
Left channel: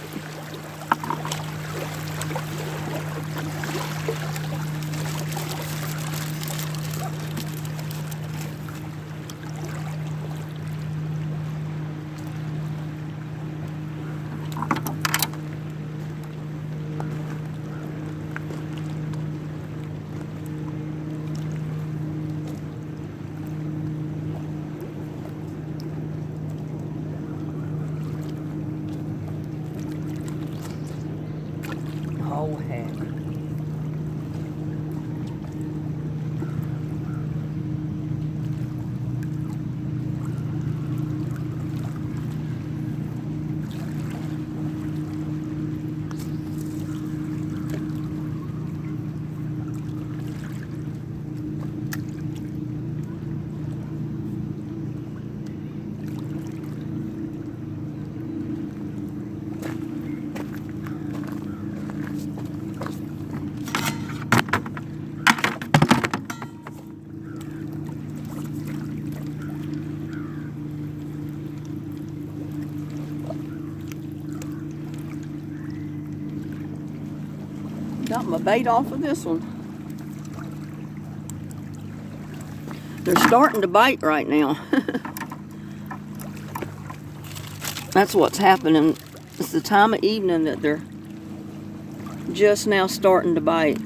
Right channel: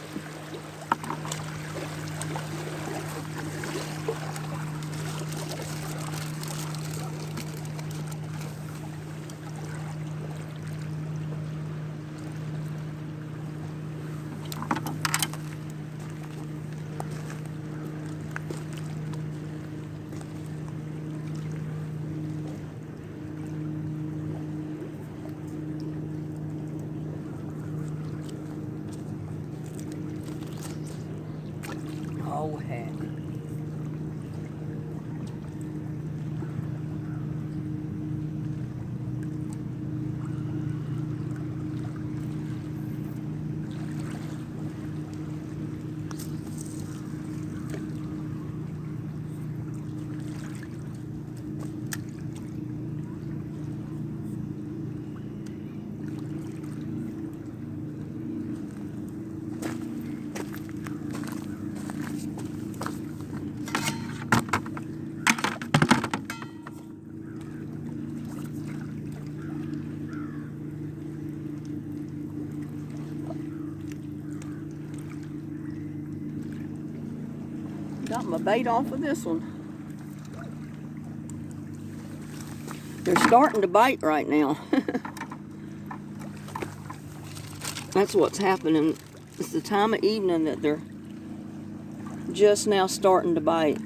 Got my bait off of this one. They're starting to bite right now. That's what's happening. It's the time of evening that they're just now starting to bite.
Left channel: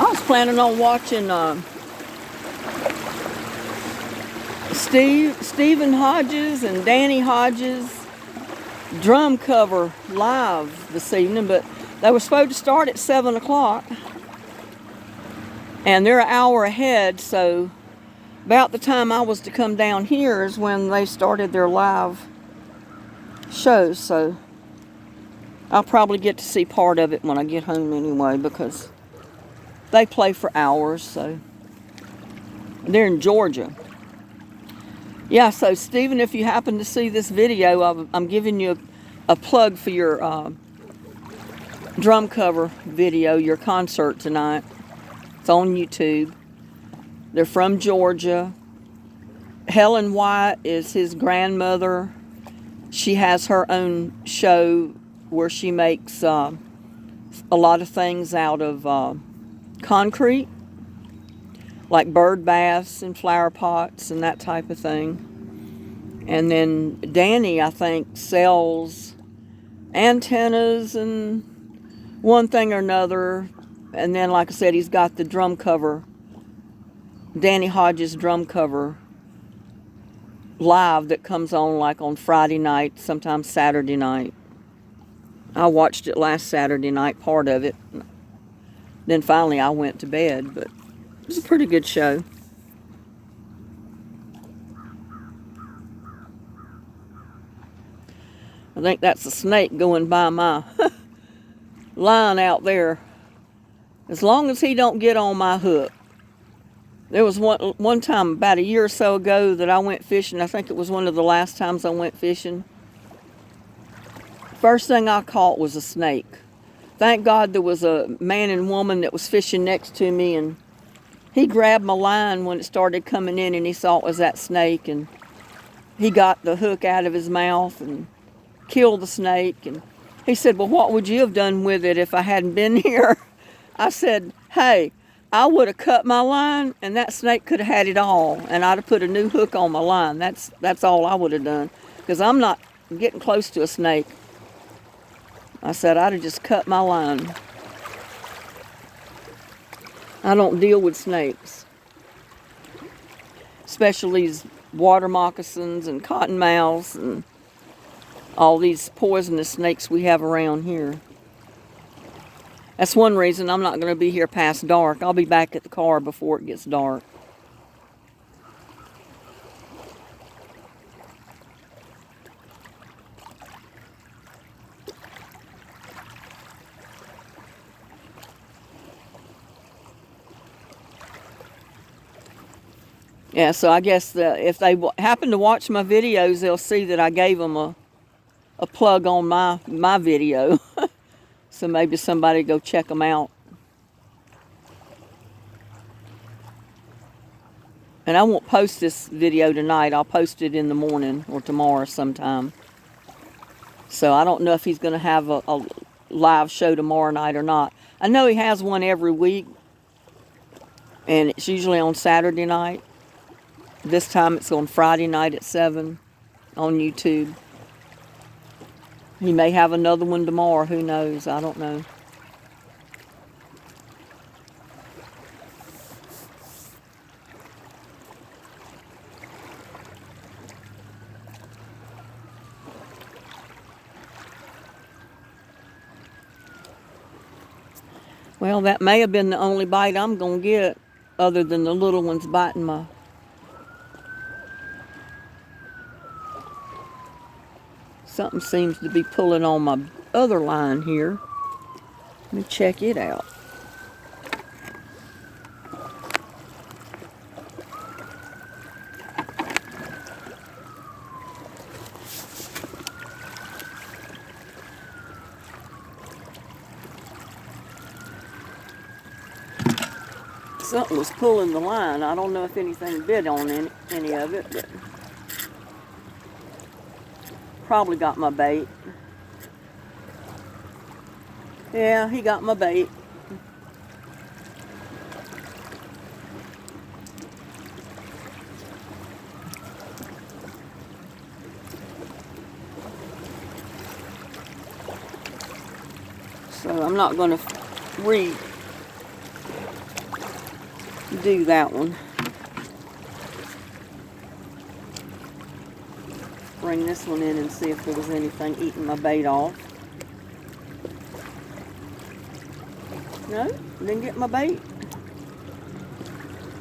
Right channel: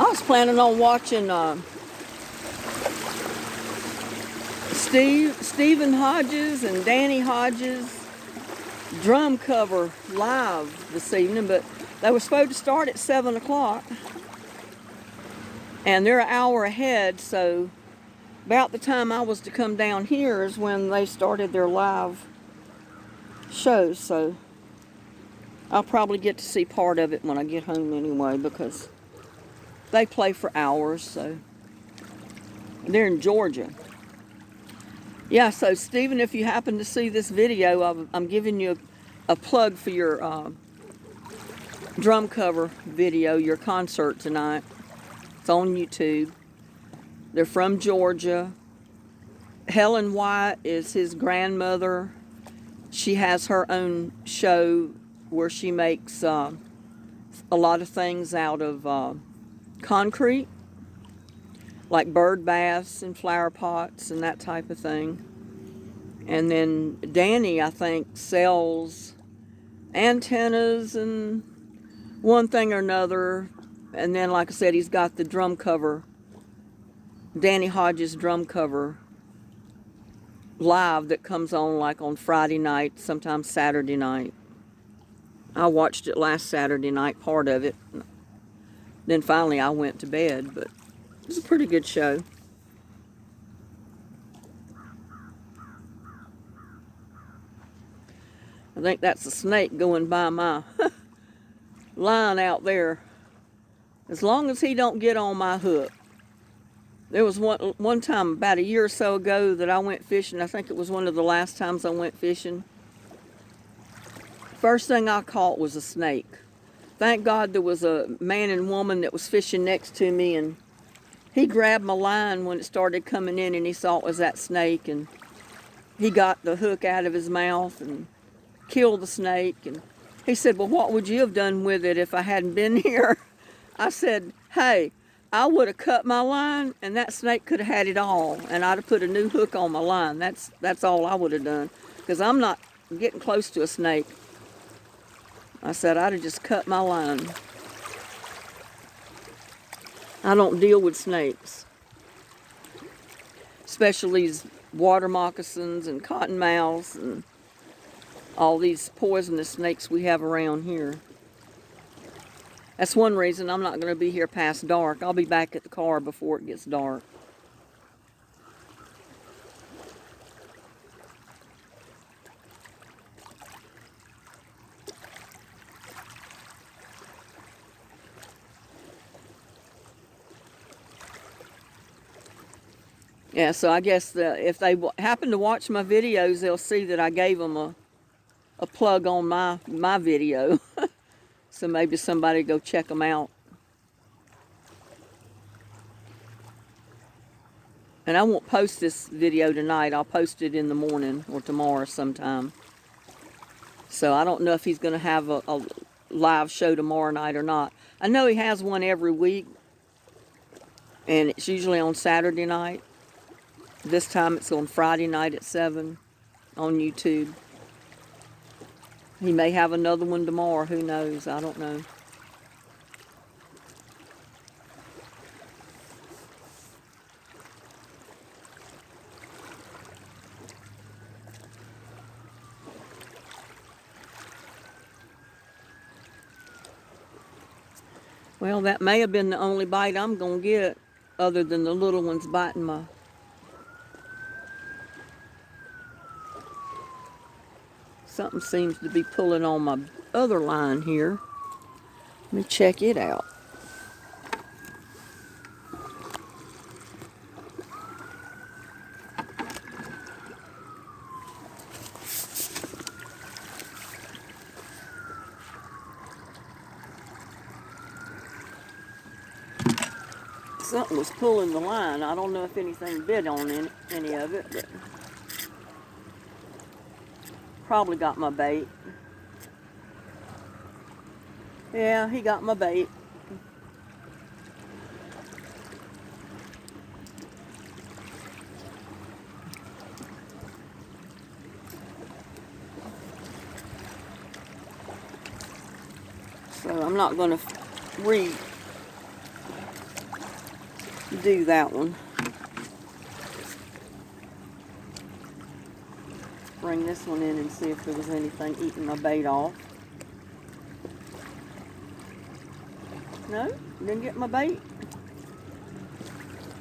I was planning on watching Stephen Hodges and Danny Hodges drum cover live this evening, but they were supposed to start at 7 o'clock, and they're an hour ahead, so about the time I was to come down here is when they started their live shows, so I'll probably get to see part of it when I get home anyway, because they play for hours, so they're in Georgia. Yeah, so Stephen, if you happen to see this video, I'm giving you a plug for your drum cover video, your concert tonight. It's on YouTube. They're from Georgia. Helen White is his grandmother. She has her own show where she makes a lot of things out of concrete, like bird baths and flower pots and that type of thing. And then Danny, I think, sells antennas and one thing or another. And then, like I said, he's got the drum cover, Danny Hodges drum cover live that comes on like on Friday night, sometimes Saturday night. I watched it last Saturday night, part of it. Then finally I went to bed, but it was a pretty good show. I think that's a snake going by my line out there. As long as he don't get on my hook. There was one time about a year or so ago that I went fishing. I think it was one of the last times I went fishing. First thing I caught was a snake. Thank God there was a man and woman that was fishing next to me, and he grabbed my line when it started coming in, and he saw it was that snake, and he got the hook out of his mouth and killed the snake. And he said, well, what would you have done with it if I hadn't been here? I said, hey, I would have cut my line, and that snake could have had it all, and I'd have put a new hook on my line. That's all I would have done, because I'm not getting close to a snake. I said I'd have just cut my line. I don't deal with snakes, especially these water moccasins and cottonmouths and all these poisonous snakes we have around here. That's one reason I'm not going to be here past dark. I'll be back at the car before it gets dark. Yeah, so I guess if they happen to watch my videos, they'll see that I gave them a plug on my video. So maybe somebody go check them out. And I won't post this video tonight. I'll post it in the morning or tomorrow sometime. So I don't know if he's going to have a live show tomorrow night or not. I know he has one every week, and it's usually on Saturday night. This time it's on Friday night at 7 on YouTube. He may have another one tomorrow. Who knows? I don't know. Well, that may have been the only bite I'm going to get, other than the little ones biting my... Something seems to be pulling on my other line here. Let me check it out. Something was pulling the line. I don't know if anything bit on any of it, but probably got my bait. Yeah, he got my bait. So I'm not going to do that one. Bring this one in and see if there was anything eating my bait off. No, didn't get my bait.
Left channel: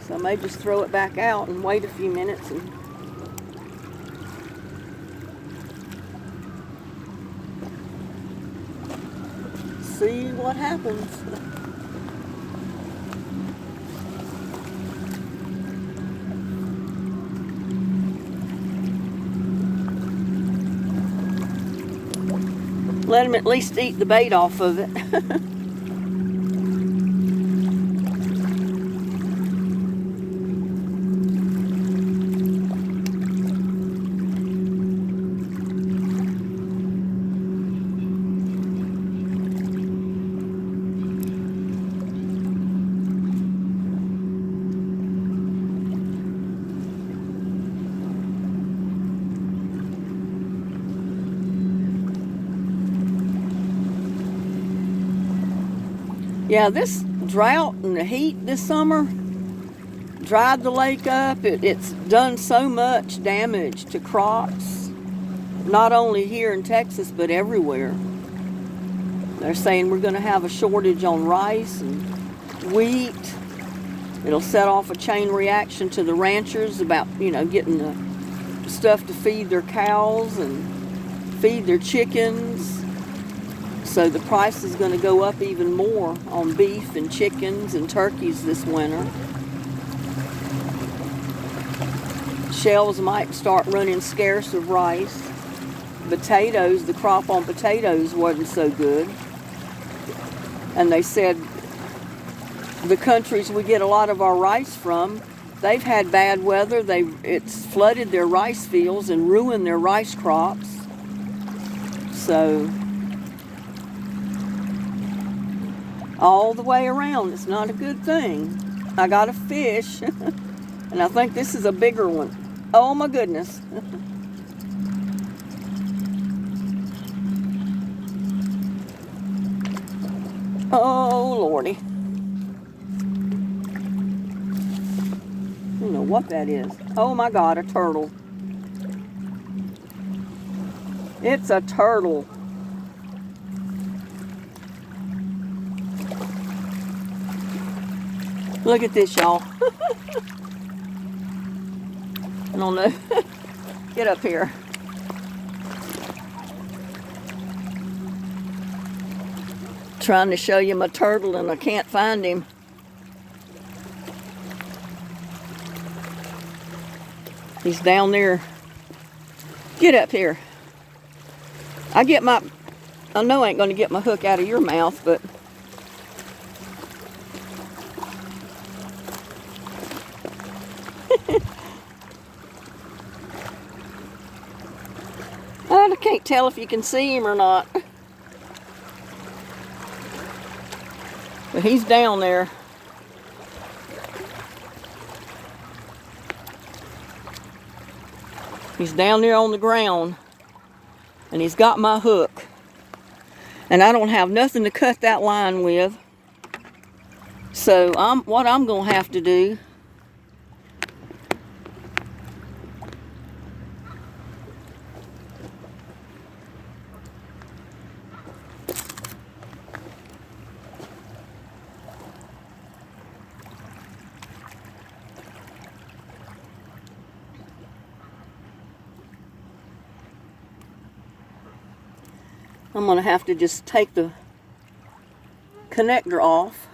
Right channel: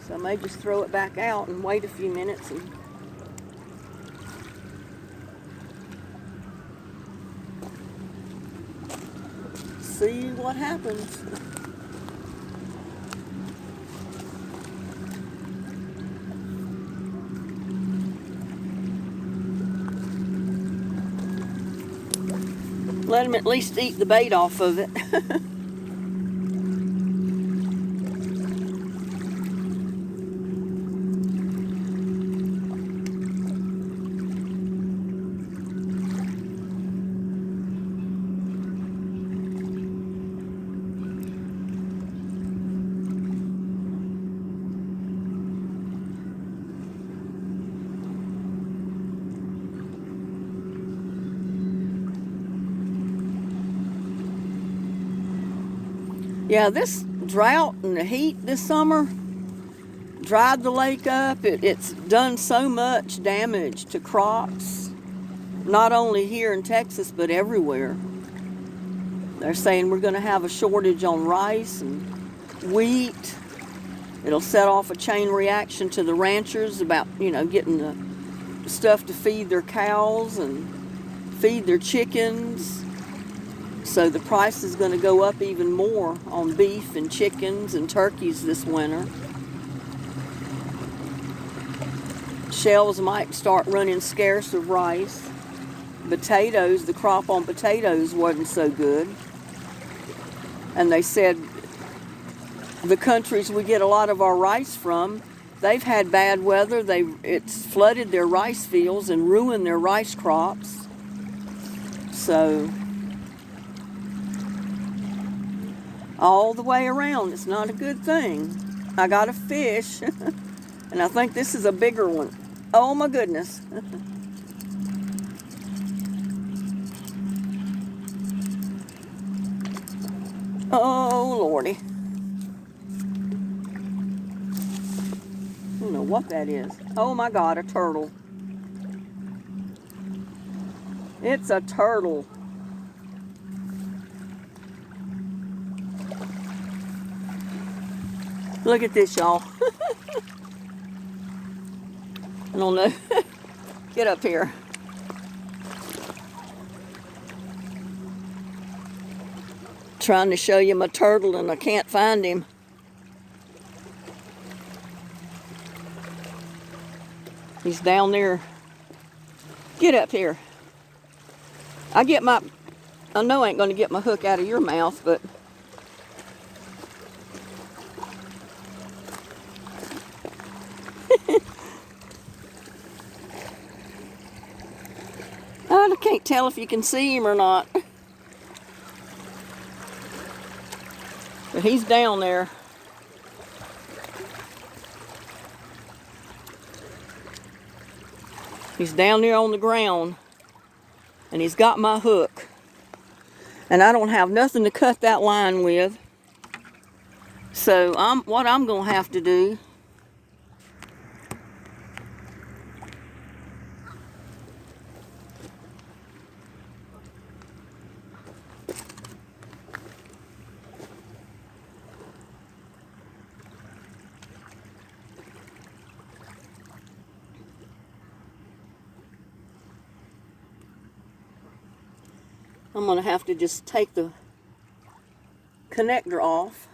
So I may just throw it back out and wait a few minutes and see what happens. Let him at least eat the bait off of it. Yeah, this drought and the heat this summer dried the lake up. It's done so much damage to crops, not only here in Texas, but everywhere. They're saying we're going to have a shortage on rice and wheat. It'll set off a chain reaction to the ranchers about, getting the stuff to feed their cows and feed their chickens. So the price is going to go up even more on beef and chickens and turkeys this winter. Shelves might start running scarce of rice. Potatoes, the crop on potatoes wasn't so good. And they said the countries we get a lot of our rice from, they've had bad weather. It's flooded their rice fields and ruined their rice crops. So all the way around, it's not a good thing. I got a fish, and I think this is a bigger one. Oh my goodness. Oh Lordy. I don't know what that is. Oh my God, a turtle. It's a turtle. Look at this, y'all. I don't know. Get up here. Trying to show you my turtle and I can't find him. He's down there. Get up here. I know I ain't going to get my hook out of your mouth, but I can't tell if you can see him or not. But he's down there. He's down there on the ground. And he's got my hook. And I don't have nothing to cut that line with. So what I'm going to have to do I'm going to have to just take the connector off.